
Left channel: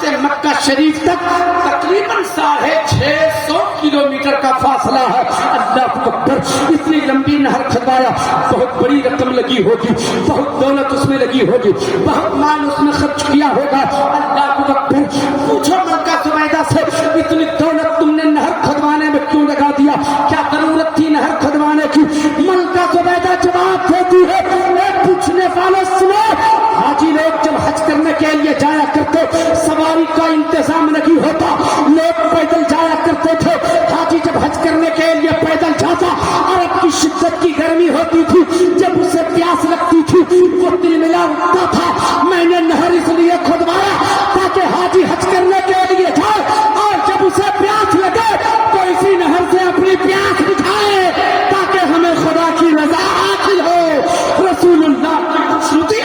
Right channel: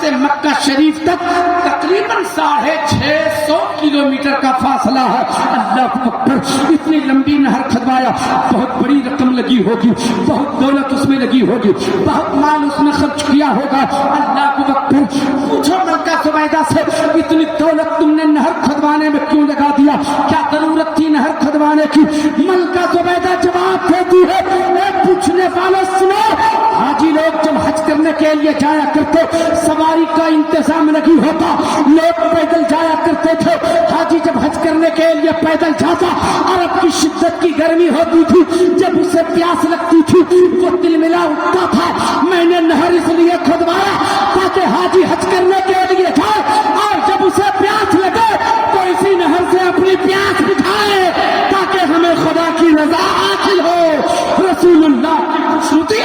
سے مکہ شریف تک تقریباً 650 کلومیٹر کا فاصلہ ہے. اللہ اکبر. اتنی لمبی نہر کھدوایا, بہت بڑی رقم لگی ہوگی, بہت دولت اس میں لگی ہوگی, بہت مال اس میں خرچ کیا ہوگا. اللہ اکبر. پوچھو ملکہ زبیدہ سے اتنی دولت تم نے نہر کھدوانے میں کیوں لگا دیا, کیا ضرورت تھی نہر کھدوانے کی؟ ملکہ زبیدہ جواب دیتی ہے, پوچھنے والے سنو, حاجی لوگ جب حج کرنے کے لیے جایا کرتے سواری کا انتظام نہیں ہوتا, لوگ پیدل جایا کرتے تھے. حاجی جب حج کرنے کے لیے پیدل جاتا اور اب کی شدت کی گرمی ہوتی تھی, جب اسے پیاس لگتی تھی وہ دل ملا اٹھتا تھا, میں نے نہر اس لیے کھدوایا تاکہ حاجی حج کرنے کے لیے جائے اور جب اسے پیاس لگے تو اسی نہر سے اپنی پیاس بجھائے تاکہ ہمیں خدا کی رضا حاصل ہو. رسول اللہ کی خوشنودی.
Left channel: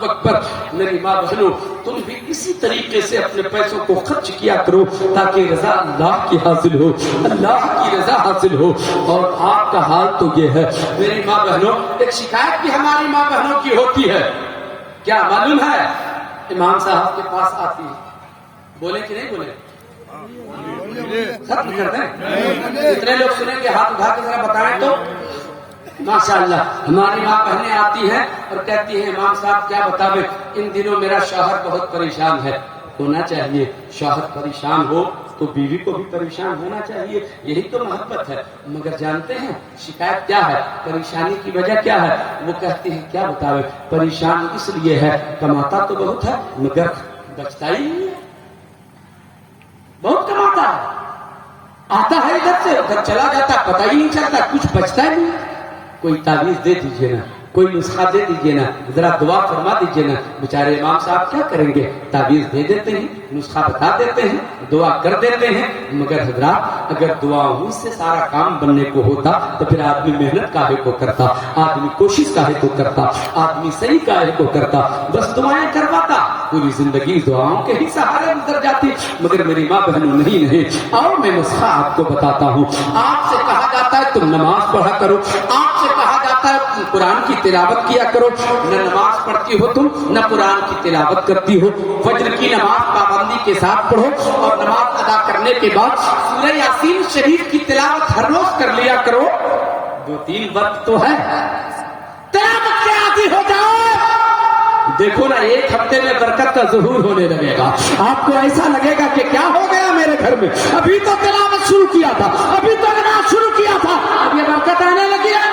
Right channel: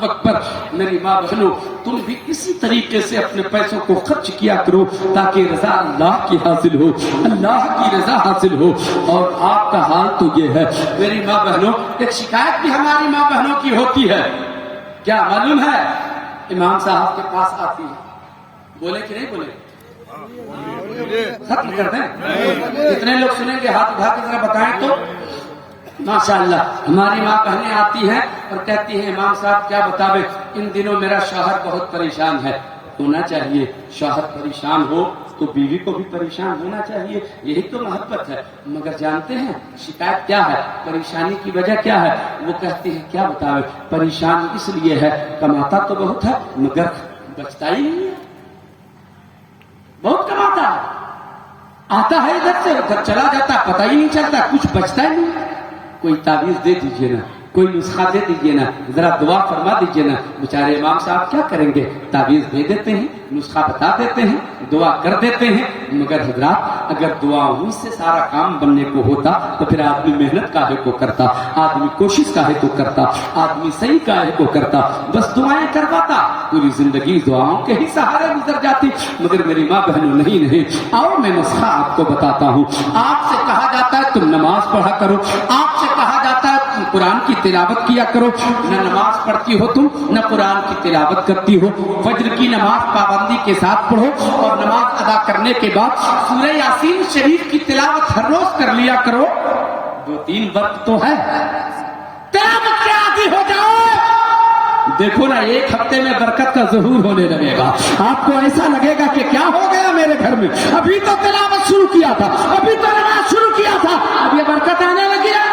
اکبر. میری ماں بہنوں, تم بھی اسی طریقے سے اپنے پیسوں کو خرچ کیا کرو تاکہ رضا اللہ کی حاصل ہو, اللہ کی رضا حاصل ہو. اور آپ کا حال تو یہ ہے میری ماں بہنوں, ایک شکایت بھی ہماری ماں بہنوں کی ہوتی ہے. کیا معلوم ہے, امام صاحب کے پاس آتی ہے, بولے کہ نہیں بولے, سب کرتے ہیں. کتنے لوگ سنیں گے ہاتھ اٹھا کے ذرا بتائیں تو. ماشاءاللہ ہماری ماں بہنیں آتی ہیں اور کہتی ہیں امام صاحب کیا بتاوے, ان دنوں میرا شوہر بہت پریشان ہے. ہونا چاہیے, شوہر پریشان ہو تو بیوی کو بھی پریشان ہونا چاہیے, یہی تو محبت ہے. مگر جانتے ہیں شکایت کیا ہے, پریشانی کی وجہ کیا ہے؟ وہ کہتے ہیں کیا بتاوے, پریشان اس لیے ہے کماتا تو بہت ہے مگر بچتا ہی نہیں ہے. بہت کماتا ہے, آتا ہے ادھر سے چلا جاتا, پتہ ہی نہیں چلتا, کچھ بچتا ہی نہیں. کوئی تعویذ دے دیجیے نا, کوئی نسخہ دے دیجیے نا, ذرا دعا فرما دیجیے نا. بیچارے امام صاحب کیا کریں گے, تعویذ دے دیتے ہیں, نسخہ بتا دیتے ہیں, دعا کر دیتے ہیں. مگر حضرات اگر دعاؤں سے سارا کام بننے کو ہوتا تو پھر آدمی محنت کاہے کو کرتا, آدمی کوشش کاہے کو کرتا, آدمی صحیح کاہے کو کرتا, بس دعائیں کرواتا, پوری زندگی دعاؤں کے ہی سہارے گزر جاتی. مگر میری ماں بہنوں نہیں. اور میں نسخہ آپ کو بتاتا ہوں. آپ سے کہا جاتا ہے تم نماز پڑھا کرو, آپ سے کہا جاتا ہے قرآن کی تلاوت کیا کرو. نہ نماز پڑھتی ہو تم, نہ قرآن کی تلاوت کرتی ہو. فجر کی نماز پابندی کے ساتھ پڑھو اور نماز ادا کرنے کے بعد سورہ یاسین شریف کی تلاوت ہر روز کر لیا کرو. 2-3 وقت تو ہے, قیامت کے عادی ہو جاؤ. دیکھو نا, ایک ہفتے میں برکت کا ظہور ہونے لگے گا. آپ کو ایسا لگے گا کہ کیا ہو گیا میرے گھر میں, ابھی تو تلاوت شروع کیا تھا, ابھی تو نماز شروع کیا تھا, اب یہ برکت آنے لگی ہے.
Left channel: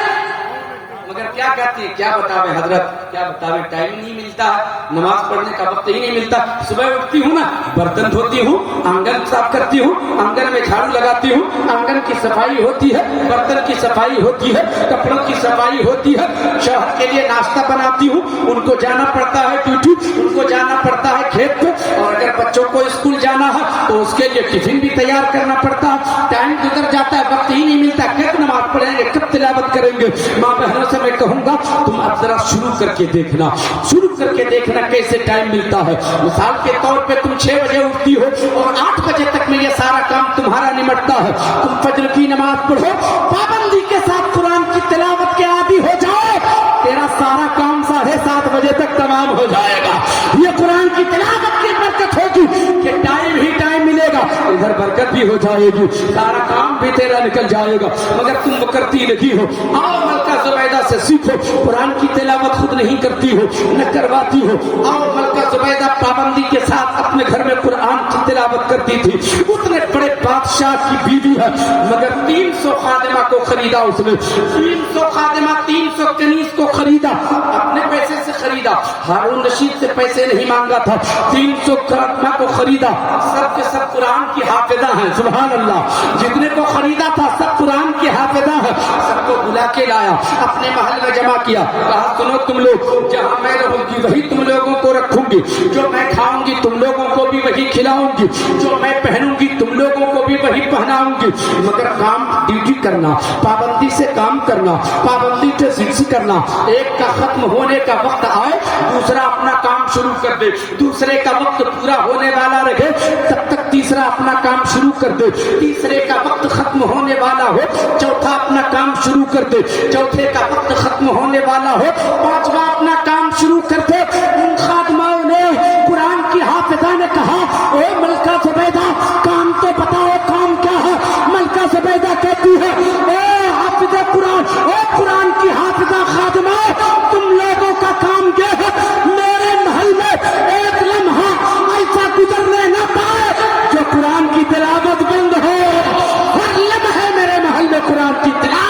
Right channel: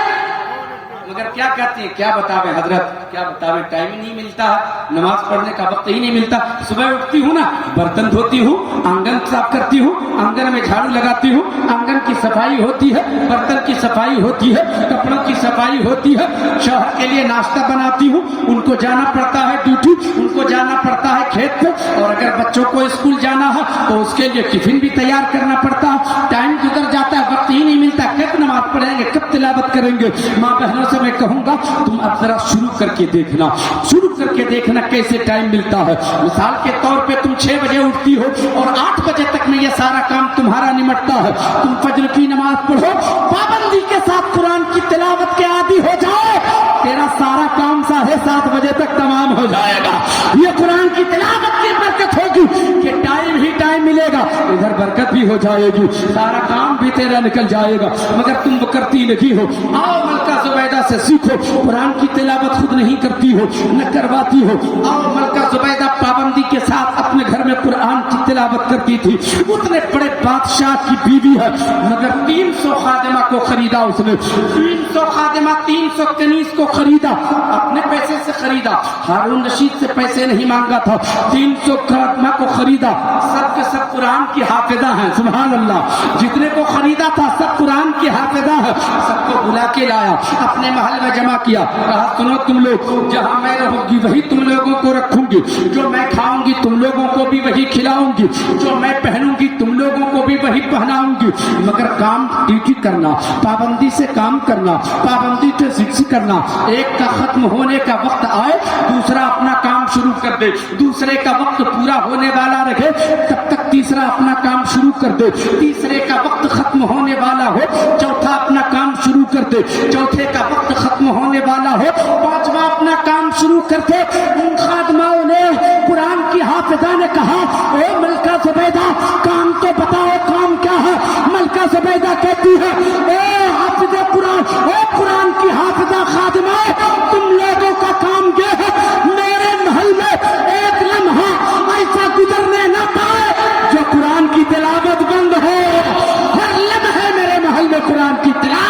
مگر کیا کہتی ہے, کیا بتاوے حضرت, کیا بتاوے, ٹائم ہی نہیں ملتا ہے, نماز پڑھنے کا وقت ہی نہیں ملتا. صبح اٹھتی ہوں نا, برتن دھوتی ہوں, آنگن صاف کرتی ہوں, آنگن میں جھاڑو لگاتی ہوں, آنگن کی صفائی ہوتی ہے, برتن کی صفائی ہوتی ہے, کپڑوں کی صفائی ہوتی ہے, شوہر کے لیے ناشتہ بناتی ہوں, ان کو جانا پڑتا ہے ڈیوٹی, ان کو جانا پڑتا ہے کھیت پہ, اور اگر بچوں کو اسکول جانا ہے تو اس کے لیے ٹفن بھی تیار کرنا پڑتا ہے. ٹائم گزر جاتا ہے, وقت ہی نہیں ملتا. کب نماز پڑھیں گے, کب تلاوت کریں گے؟ ماں بہنوں سے میں کہوں گا تم اب ذرا شروع کر کے دیکھنا, شروع کر کے دیکھنا کیسے ٹائم ملتا ہے. مثال کے طور پہ تم 6 بجے اٹھتی ہو اور 8 بجے تک میں یہ سارا کام تمہارا نمٹتا ہے. تم فجر کی نماز پڑھو, پابندی کے ساتھ قرآن کی تلاوت کے عادی ہو جاؤ, تیرا سارا کام 7:30 بجے تک تمام ہو جائے گا. یہ قرآن کی تلاوت کی برکت ہوگی کہ ٹائم ہی ٹائم ملے گا, ادھر برکت بھی ہو جائے گی, سارا کام بھی تیرا نکل جائے گا. مگر تم وہ کرتی نہیں ہو. آؤ ملکہ زبیدہ سے سیکھو, قرآن کی تلاوت خود نہیں کرتی ہو, نہ کرواتی ہو. آؤ ملکہ زبیدہ پابندی کے ساتھ اپنے گھر میں قرآن کی تلاوت کرتی تھی. اتنے بڑے بادشاہ کی بیوی ہے, مگر 300 خادمہ کو خریدا اس نے, 300 خادمہ, 300 کنیز کو خریدا, اپنے پیسے سے خریدا, ہارون رشید سے پیسے نہیں مانگا تھا. 300 خادمہ کو خریدا, سب کے سب قرآن کی حافظہ ہیں. سبحان اللہ, جتنے کو خریدا تھا سب قرآن کی حافظہ ہے. سب کو بلا کے لایا, اپنے محل میں جمع کیا, کہا سنو تم لوگ, جہاں میں رہوں گی وہی تم لوگوں کو رکھوں گی, جو میں کھاؤں گی تم لوگوں کو بھی وہی کھلاؤں گی, جو میں پہنوں گی تم لوگوں کو بھی وہی پہناؤں گی. مگر کام ڈیوٹی کرنا, پابندی سے کام کرنا, پابندی سے فکس کرنا. ایک کا ختم ہونے کا وقت آئے, دوسرا اپنا کام شروع کر دے, دوسرے کا وقت پورا ہونے والا رہے تب تک تیسرا اپنا کام شروع کر دے, تیسرے کا وقت ختم ہونے والا ہو چوتھا اپنا کام شروع کر دے, چوتھے کا وقت ختم ہونے والا ہو پانچواں اپنا کام شروع کر دے. ان خادماؤں نے, قرآن کی حافظہ نے کہا, اے ملکہ زبیدہ کام تو بتاؤ, کام کیا ہے؟ ملکہ زبیدہ کہتی ہے, اے حافظہ قرآن, اے قرآن کی حافظہ خادمہ, تم لوگوں کا کام کیا ہے؟ میرے محل میں ایک لمحہ ایسا گزرنے نہ پائے جو قرآن کی تلاوت بند ہو. ہر لمحے میرے محل میں قرآن کی تلاوت.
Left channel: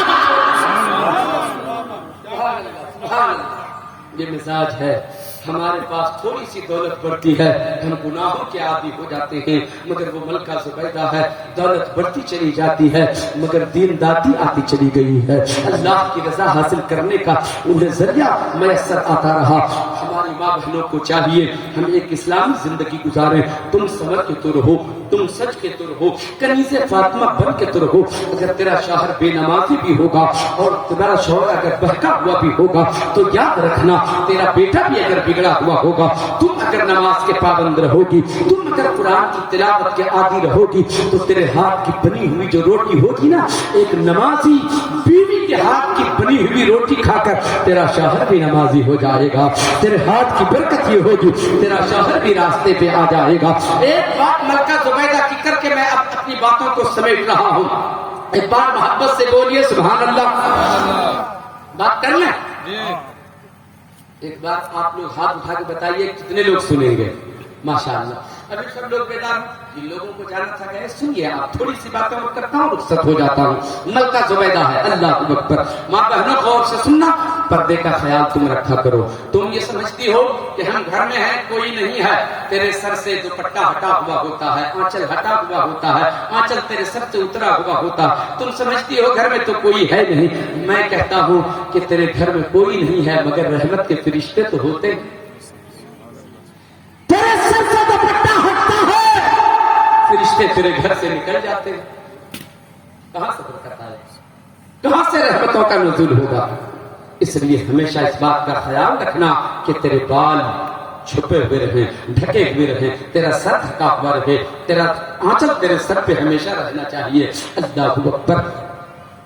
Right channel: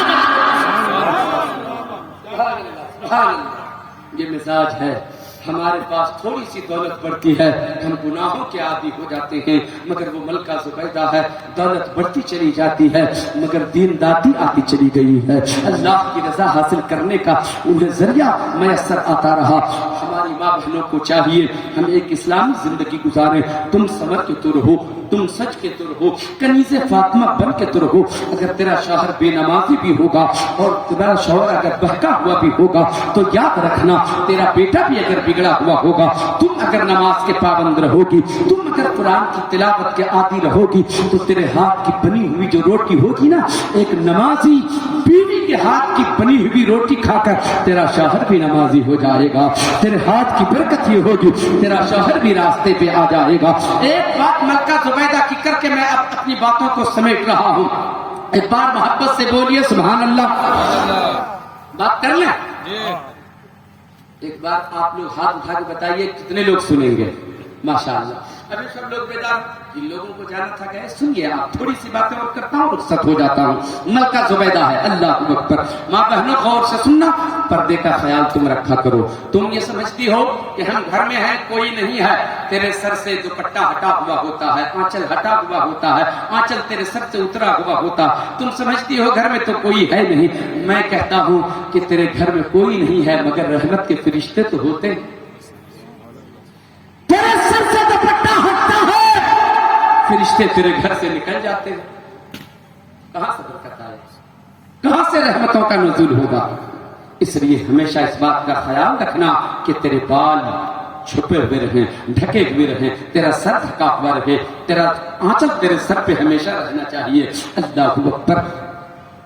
یہ مزاج ہے. ہمارے پاس تھوڑی سی دولت بڑھتی ہے, ہم گناہوں کے عادی ہو جاتے ہیں. مگر وہ ملکہ زبیدہ ہے, دولت بڑھتی چلی جاتی ہے مگر دینداری آتی چلی گئی ہے. اللہ کی رضا حاصل کرنے کا انہیں ذریعہ میسر آتا رہا. ہماری ماں بہنوں کو چاہیے ہم ایک اسلامی زندگی گزاریں. تم سمجھ کے تو رہو, تم سچ کے تو رہو, کنیز فاطمہ بن کے تو رہو. اگر تیرا شوہر بے نمازی بھی ہوگا اور تیرا شوہر اگر بہکا ہوا بھی ہوگا تو یاد رکھنا تیرا بیٹا بھی اگر بگڑا ہوا ہوگا, تم اگر نماز کے پابند رہو گی, تم اگر قرآن کی تلاوت کے عادی رہو گی تو تیرے ہاتھ کی بنی ہوئی جو روٹی ہوگی نا, ایک نمازی بیوی کے ہاتھ کی بنی ہوئی روٹی کھا کر تیرا شوہر بھی نمازی ہو جائے گا. تیرے ہاتھ کی برکت یہ ہوگی تیرا شوہر بھی راستے پہ آ جائے گا. ایک بات ملکہ زبیدہ کی کر کے میں اب اپنی باتوں کو سمیٹ رہا ہوں. ایک بار محبت سے بولیے سبحان اللہ. بات کریے. ایک بات آپ لوگ ہاتھ اٹھا کے بتائیے کتنے لوگ سنیں گے؟ ماشاءاللہ. ابھی سب لوگ بیدار, جن لوگوں کو جانا تھا گئے سنیے. آپ تھوڑی سی باتیں اور کرتا ہوں, رخصت ہو جاتا ہوں. ملکہ زبیدہ ہے. اللہ اکبر. ماں بہنوں غور سے سننا, پردے کا خیال تم رکھا کرو. تم یہ سمجھتی ہو کہ ہم گھر میں ہیں, کوئی نہیں ہے, تیرے سر سے دوپٹہ ہٹا ہوا ہوتا ہے, آنچل ہٹا ہوا ہوتا ہے, آنچل تیرے سر سے اترا ہوا ہوتا. تم سمجھتی ہو گھر میں تو کوئی ہے نہیں. میں کہتا ہوں کہ تیرے گھر میں کوئی نہیں ہے مگر رحمت کے فرشتے تو ہوتے ہیں. تیرے سر سے دوپٹہ ہٹتا ہے, فرشتے تیرے گھر سے نکل جاتے ہیں. کہاں سے برکت آئے, کہاں سے رحمتوں کا نزول ہوگا؟ اس لیے ہمیشہ اس بات کا خیال رکھنا کہ تیرے بال چھپے ہوئے رہے, ڈھکے ہوئے رہے, تیرا سر ڈھکا ہوا رہے, تیرا آنچل تیرے سر پہ ہمیشہ رہنا چاہیے. اللہ اکبر.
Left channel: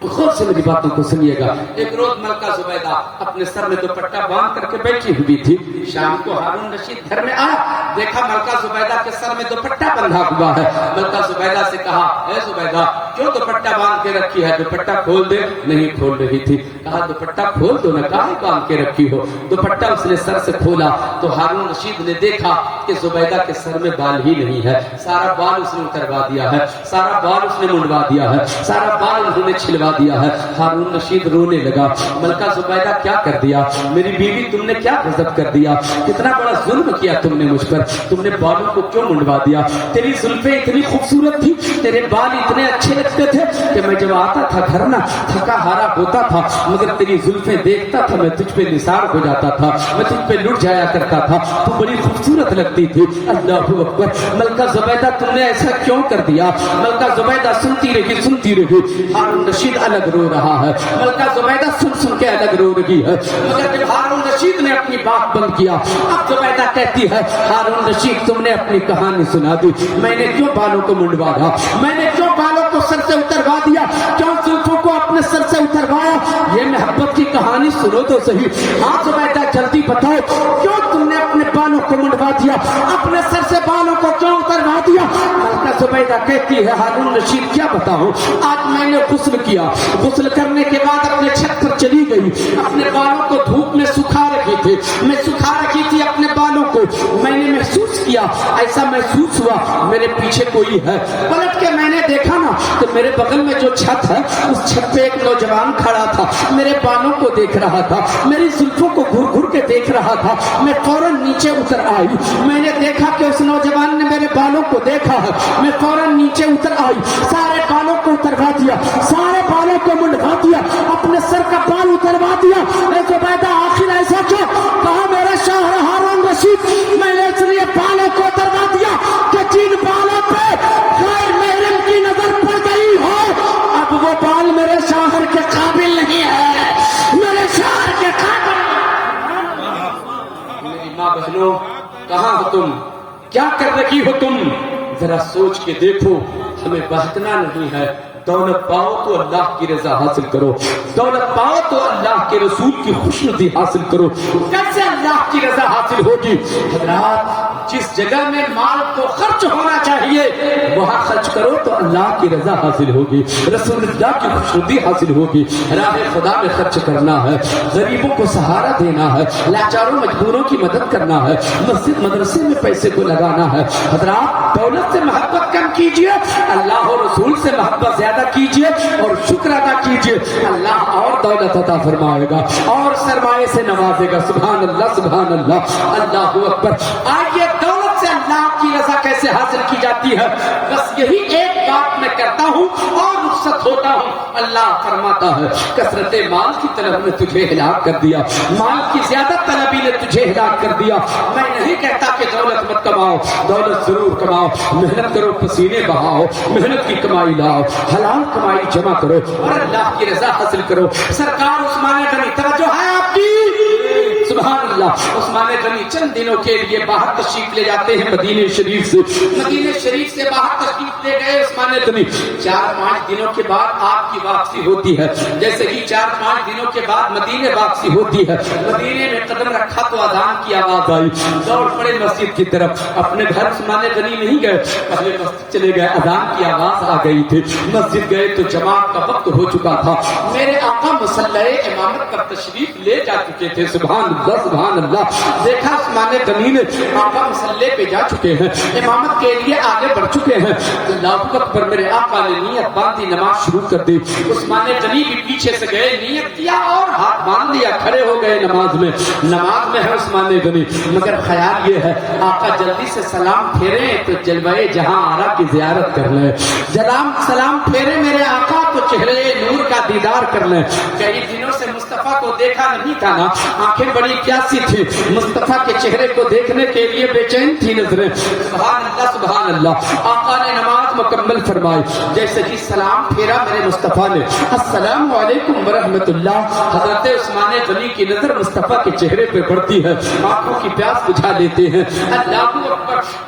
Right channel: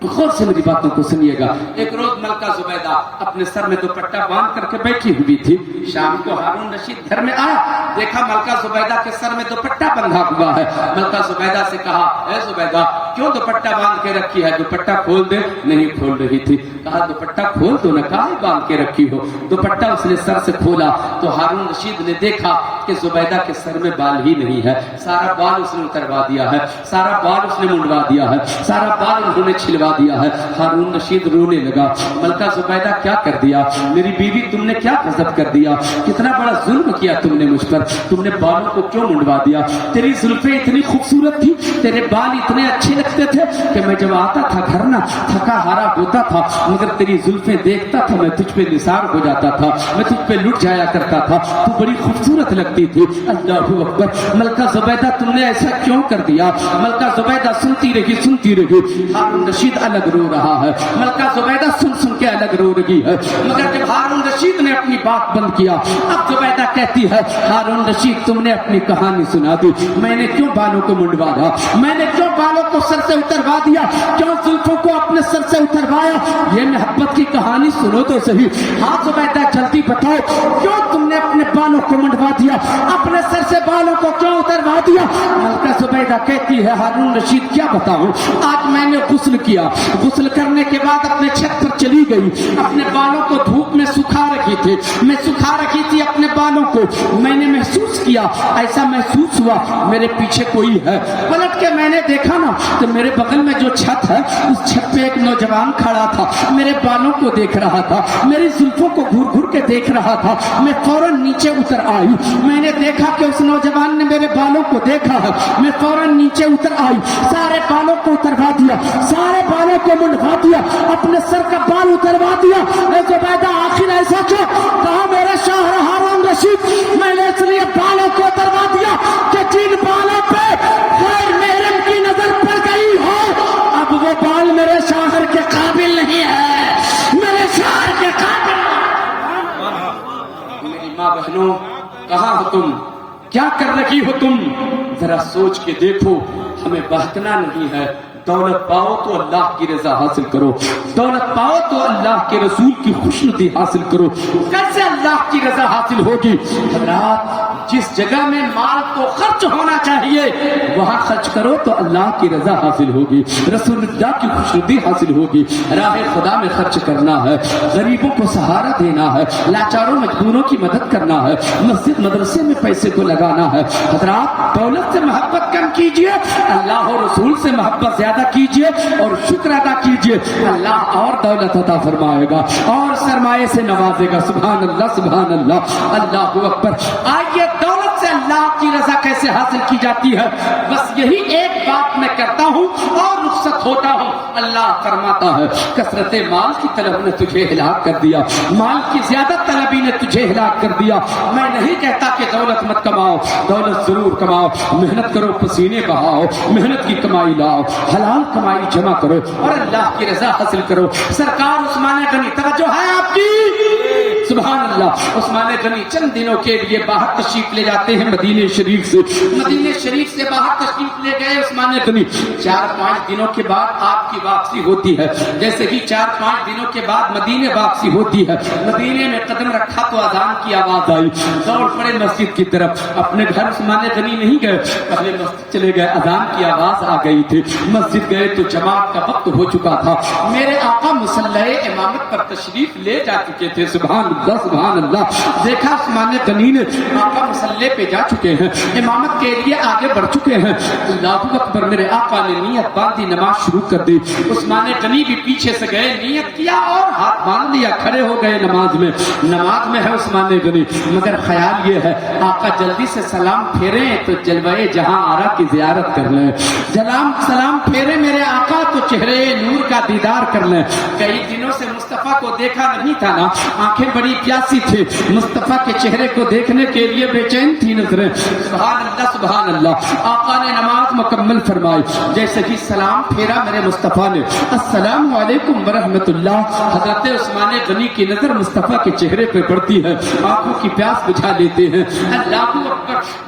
غور سے میری باتوں کو سنیے گا. ایک روز ملکہ زبیدہ اپنے سر میں دوپٹہ باندھ کر کے بیٹھی ہوئی تھی. شام کو ہارون رشید گھر میں آیا, دیکھا ملکہ زبیدہ کے سر میں دوپٹہ بندھا ہوا ہے. ملکہ زبیدہ سے کہا, اے زبیدہ کیوں دوپٹہ باندھ کے رکھی ہے, دوپٹہ کھول دے. نہیں کھول رہی تھی. کہا دوپٹہ کھول دو نا, کہاں باندھ کے رکھی ہو. دوپٹہ اس نے سر سے کھولا تو ہارون رشید نے دیکھا کہ زبیدہ کے سر میں بال ہی نہیں ہے. سارا بال اس نے اتروا دیا ہے, سارا بال اس نے منڈوا دیا ہے, سارا بال انہوں نے چھلوا دیا ہے. ہارون رشید رونے لگا. ملکہ زبیدہ کیا کر دیا میری بیوی, تم نے کیا غضب کر دیا, کتنا بڑا ظلم کیا تم نے مجھ پر, تم نے بالوں کو کیوں منڈوا دیا. تیری زلفیں اتنی خوبصورت تھی, تیرے بال اتنے اچھے لگتے تھے کہ میں جب آتا تھا گھر نا تھکا ہارا ہوتا تھا, مگر تیری زلفیں دیکھتا تھا میں تجھ پہ نثار ہو جاتا تھا, میں تجھ پہ لٹ جایا کرتا تھا, تو بڑی خوبصورت لگتی تھی. اللہ اکبر. ملکہ زبیدہ تم نے ایسا کیوں کر دیا. ملکہ زبیدہ سنتی رہی. ہارون رشید الگ رو رہا ہے. ملکہ زبیدہ سن کے الگ رو رہی ہے. مگر جب ہارون رشید نے اپنی بات بند کیا, اب زبیدہ کہتی ہے, ہارون رشید تم نے اپنی کہانی سنا دی. میں نے کیوں بالوں کو منڈوا دیا, میں نے کیوں بالوں کو سر سے اتروا دیا, کیوں زلفوں کو اپنے سر سے اتروایا. یہ محبت کی کہانی سنو تو صحیح. ہاں زبیدہ جلدی بتاؤ, کیوں تم نے اپنے بالوں کو منڈوا دیا, اپنے سر سے بالوں کو کیوں اتروا دیا. ملکہ زبیدہ کہتی ہے, ہارون رشید کیا بتاؤں, آج میں نے غسل کیا, غسل کرنے کے بعد اپنے چھت پر چلی گئی, اپنے بالوں کو دھوپ میں سکھا رکھی تھی, میں سکھا رکھی تھی اپنے بالوں کو. میں نے محسوس کیا, ایسا محسوس ہوا میرے پیچھے کوئی ہے. پلٹ کے میں نے دیکھا نا کہ میرے بغل میں جو چھت ہے اس چھت پہ ایک نوجوان کھڑا تھا, میرے بالوں کو دیکھ رہا تھا, میری زلفوں کو گھر گھر کے دیکھ رہا تھا. میں فوراً نیچے اتر آئی. میں نے دیکھا کہ اس نوجوان نے میرے بالوں کو دیکھا ہے. میں فوراً نیچے اتر آئی, سارے بالوں کو اتروا دیا, سارے بالوں کو منڈوا دیا, اپنے سر کا بال اتروا دیا. زبیدہ آخر ایسا کیا, کہا میرے شوہر ہارون رشید میں نے اس لیے بالوں کو اتروا دیا کہ جن بالوں پہ غیر محرم کی نظر پڑ گئی ہو, اب وہ بال میرے شوہر کے قابل نہیں ہے, میرے شوہر کے قابل. میری ماں بہنوں, کہاں ہو تم, کیا کر رہی ہو تم, ذرا سوچ کے دیکھو. ہمیں بہتنا نہیں ہے. دولت پاؤ تو اللہ کی رضا حاصل کرو, دولت پاؤ تو اللہ کے رسول کی خوشنودی حاصل کرو. کیسے اللہ کی رضا حاصل ہوگی. جس جگہ میں مال کو خرچ ہونا چاہیے وہاں خرچ کرو تو اللہ کی رضا حاصل ہوگی, رسول اللہ کی خوشنودی حاصل ہوگی. راہ خدا میں خرچ کرنا ہے, غریبوں کو سہارا دینا ہے, لاچاروں مجبوروں کی مدد کرنا ہے, مسجد مدرسے میں پیسے کو لگانا ہے. حضرات دولت سے محبت کم کیجیے, اللہ اور رسول سے محبت زیادہ کیجیے اور شکر ادا کیجیے. اللہ اور دولت عطا فرمائے گا اور سرمایہ سے نوازے گا. سبحان اللہ, سبحان اللہ, اللہ اکبر. آئیے دولت سے اللہ کی رضا کیسے حاصل کی جاتی ہے, بس یہی ایک بات میں کرتا ہوں اور رخصت ہوتا ہوں. اللہ فرماتا ہے, کثرت مال کی طلب نے تجھے ہلاک کر دیا, مال کی زیادہ طلبی نے تجھے ہلاک کر دیا. میں نہیں کہتا کہ دولت مت کماؤ, دولت ضرور کماؤ, محنت کرو, پسینے بہاؤ, محنت کی کمائی لاؤ, حلال کمائی جمع کرو اور اللہ کی رضا حاصل کرو. سرکار عثمان غنی, توجہ ہے آپ کی, سبحان اللہ. عثمان غنی چند دنوں کے لیے باہر تشریف لے جاتے ہیں مدینے شریف سے. مدینے شریف سے باہر تشریف لے گئے عثمان غنی. 4-5 دنوں کے بعد آپ کی واپسی ہوتی ہے. جیسے ہی 4-5 دنوں کے بعد مدینے واپسی ہوتی ہے, مدینے میں قدم رکھا تو اذان کی آواز آئی. دوڑ پڑے مسجد کی طرف. اپنے گھر عثمان غنی نہیں گئے, پہلے مسجد چلے گئے. اذان کی آواز آ گئی تھی. مسجد گئے تو جماعت کا وقت ہو چکا تھا. میرے آقا مصلح امامت پر تشریف لے جا چکے تھے. سبحان اللہ, سبحان اللہ. دیکھا عثمان غنی نے آقا مصلح پہ جا چکے ہیں, امامت کے لیے آگے بڑھ چکے ہیں. اللہ اکبر. میرے آقا نے نیت باندھی, نماز شروع کر دی. عثمان غنی بھی پیچھے سے گئے, نیت کیا اور ہاتھ باندھ لیا, کھڑے ہو گئے نماز میں. نماز میں ہے عثمان غنی, مگر خیال یہ ہے آقا جلدی سے سلام پھیرے تو جلوائے جہاں آرا کی زیارت کر لیں. سلام پھیرے میرے آقا تو چہرے نور کا دیدار کر لیں. کئی دنوں سے مصطفیٰ کو دیکھا نہیں تھا نا, آنکھیں بڑی پیاسی تھی, مصطفیٰ کے چہرے کو دیکھنے کے لیے بے چین تھی نظریں. سبحان اللہ, سبحان اللہ. آقا نے نماز مکمل فرمائی. جیسے ہی سلام پھیرا میرے مصطفیٰ نے, السلام علیکم ورحمۃ اللہ. حضرت عثمان غنی کی نظر مصطفیٰ کے چہرے پہ پڑتی ہے, آنکھوں کی پیاس بجھا لیتے ہیں. اللہ اکبر.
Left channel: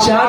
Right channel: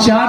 4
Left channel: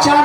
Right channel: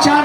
4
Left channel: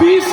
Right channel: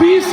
20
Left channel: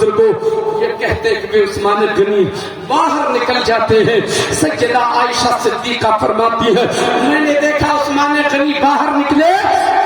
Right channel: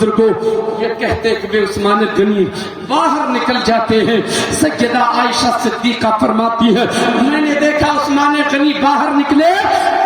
بزرگوں یہ کہتے ہوئے عثمان غنی باہر نکل جاتے ہیں. سیدہ عائشہ صدیقہ فرماتی ہے میں نے دیکھا عثمان غنی باہر نکلے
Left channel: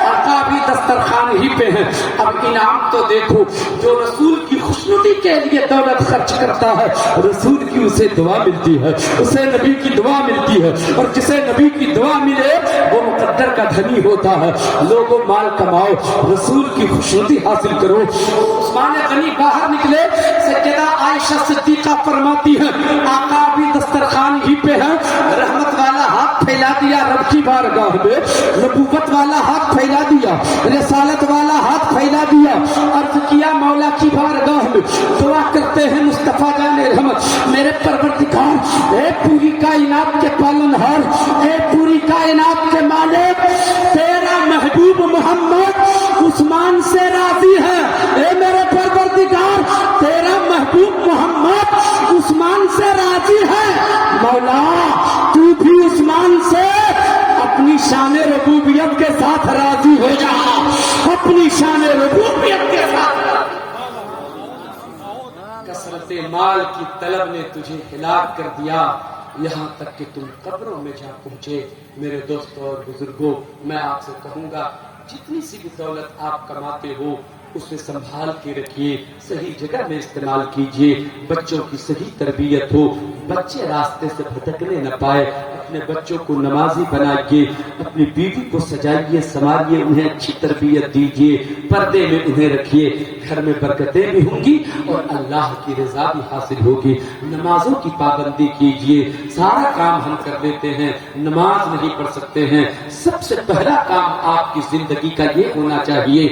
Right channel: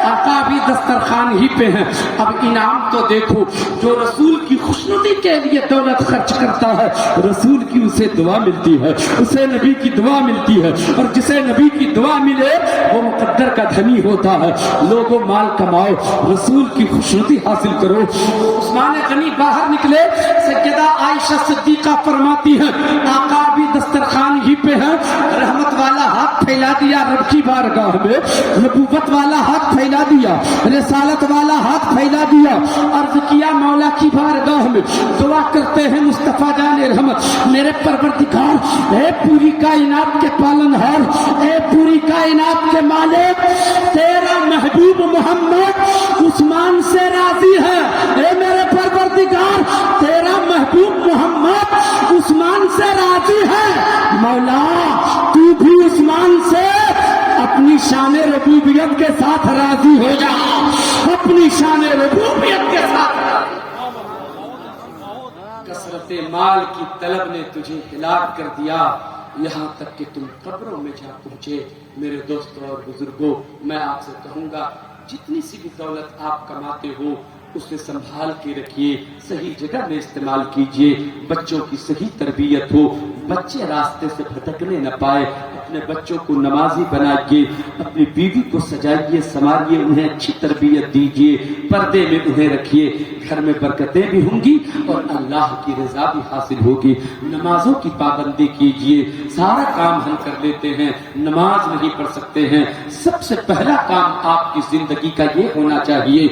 آقا بھی دسترخوان ہی پہ ہیں. اب انعام تو دیکھو جو رسول کی خوشنودی کے لیے دولت خرچ کرتا ہے رسول کی اسے دعا ملتی ہے, اسے نبی کی دعا ملتی ہے, اور جسے نبی کی دعا ملے وہ مقدر کا دھنی ہوتا ہے. لوگوں مال کماؤ, رسول کی خوشنودی حاصل کرو. عثمان غنی باہر نکلے, سیدہ عائشہ صدیقہ فرماتی ہے آقا بھی دسترخوان ہی پہ ہیں. رحمت والا ہاتھ پھیلا دیا رب کی بارگاہ میں, نبوت والا ہاتھ پھیلا دیا, رسالت والا ہاتھ پھیلا دیا, عرض کیا مولا کی بارگاہ میں دعا کرتے ہیں مصطفیٰ جان رحمت میرے پروردگار اے پوری کائنات کے پالنہار, اے پوری کائنات کے مالک, تیرا محبوب محمد عثمان سے راضی ہے. اے میرے پروردگار تیرا محبوب محمد عثمان سے راضی ہے. مولا تو بھی عثمان سے اپنی شان ربوبیت کے ساتھ راضی ہو جا, اپنی شان ربوبیت کے ساتھ. کثرت مال کی طلب نے تجھے ہلاک کر دیا, یہاں تک کہ تم قبروں میں جا پہنچے. میرے دوستوں اور بزرگوں میں آپ سے کہوں گا جتنی سی بھی دولت آپ کماتے ہو اسے سنبھال کے رکھیے, صحیح جگہ میں استعمال کیجیے. بچوں کی صحیح تربیت ہو, بچے راستے سے بھٹکنے نہ پائے. اپنے بچوں کو نمازی بنائیے, اپنی بیوی کو سجائیے سنواریے, انہیں اچھی تربیت دیجیے, پردے میں انہیں رکھیے. گھر میں برکتیں بھی ہوں گی اور اللہ کی رضا بھی حاصل ہوگی. نمازوں کی پابندی کیجیے. سارا کام ہم کر لیتے ہیں, نماز نہیں پڑھ سکتے ہیں. سب سے پہلا کام آپ کی زندگی کا یہ ہونا چاہیے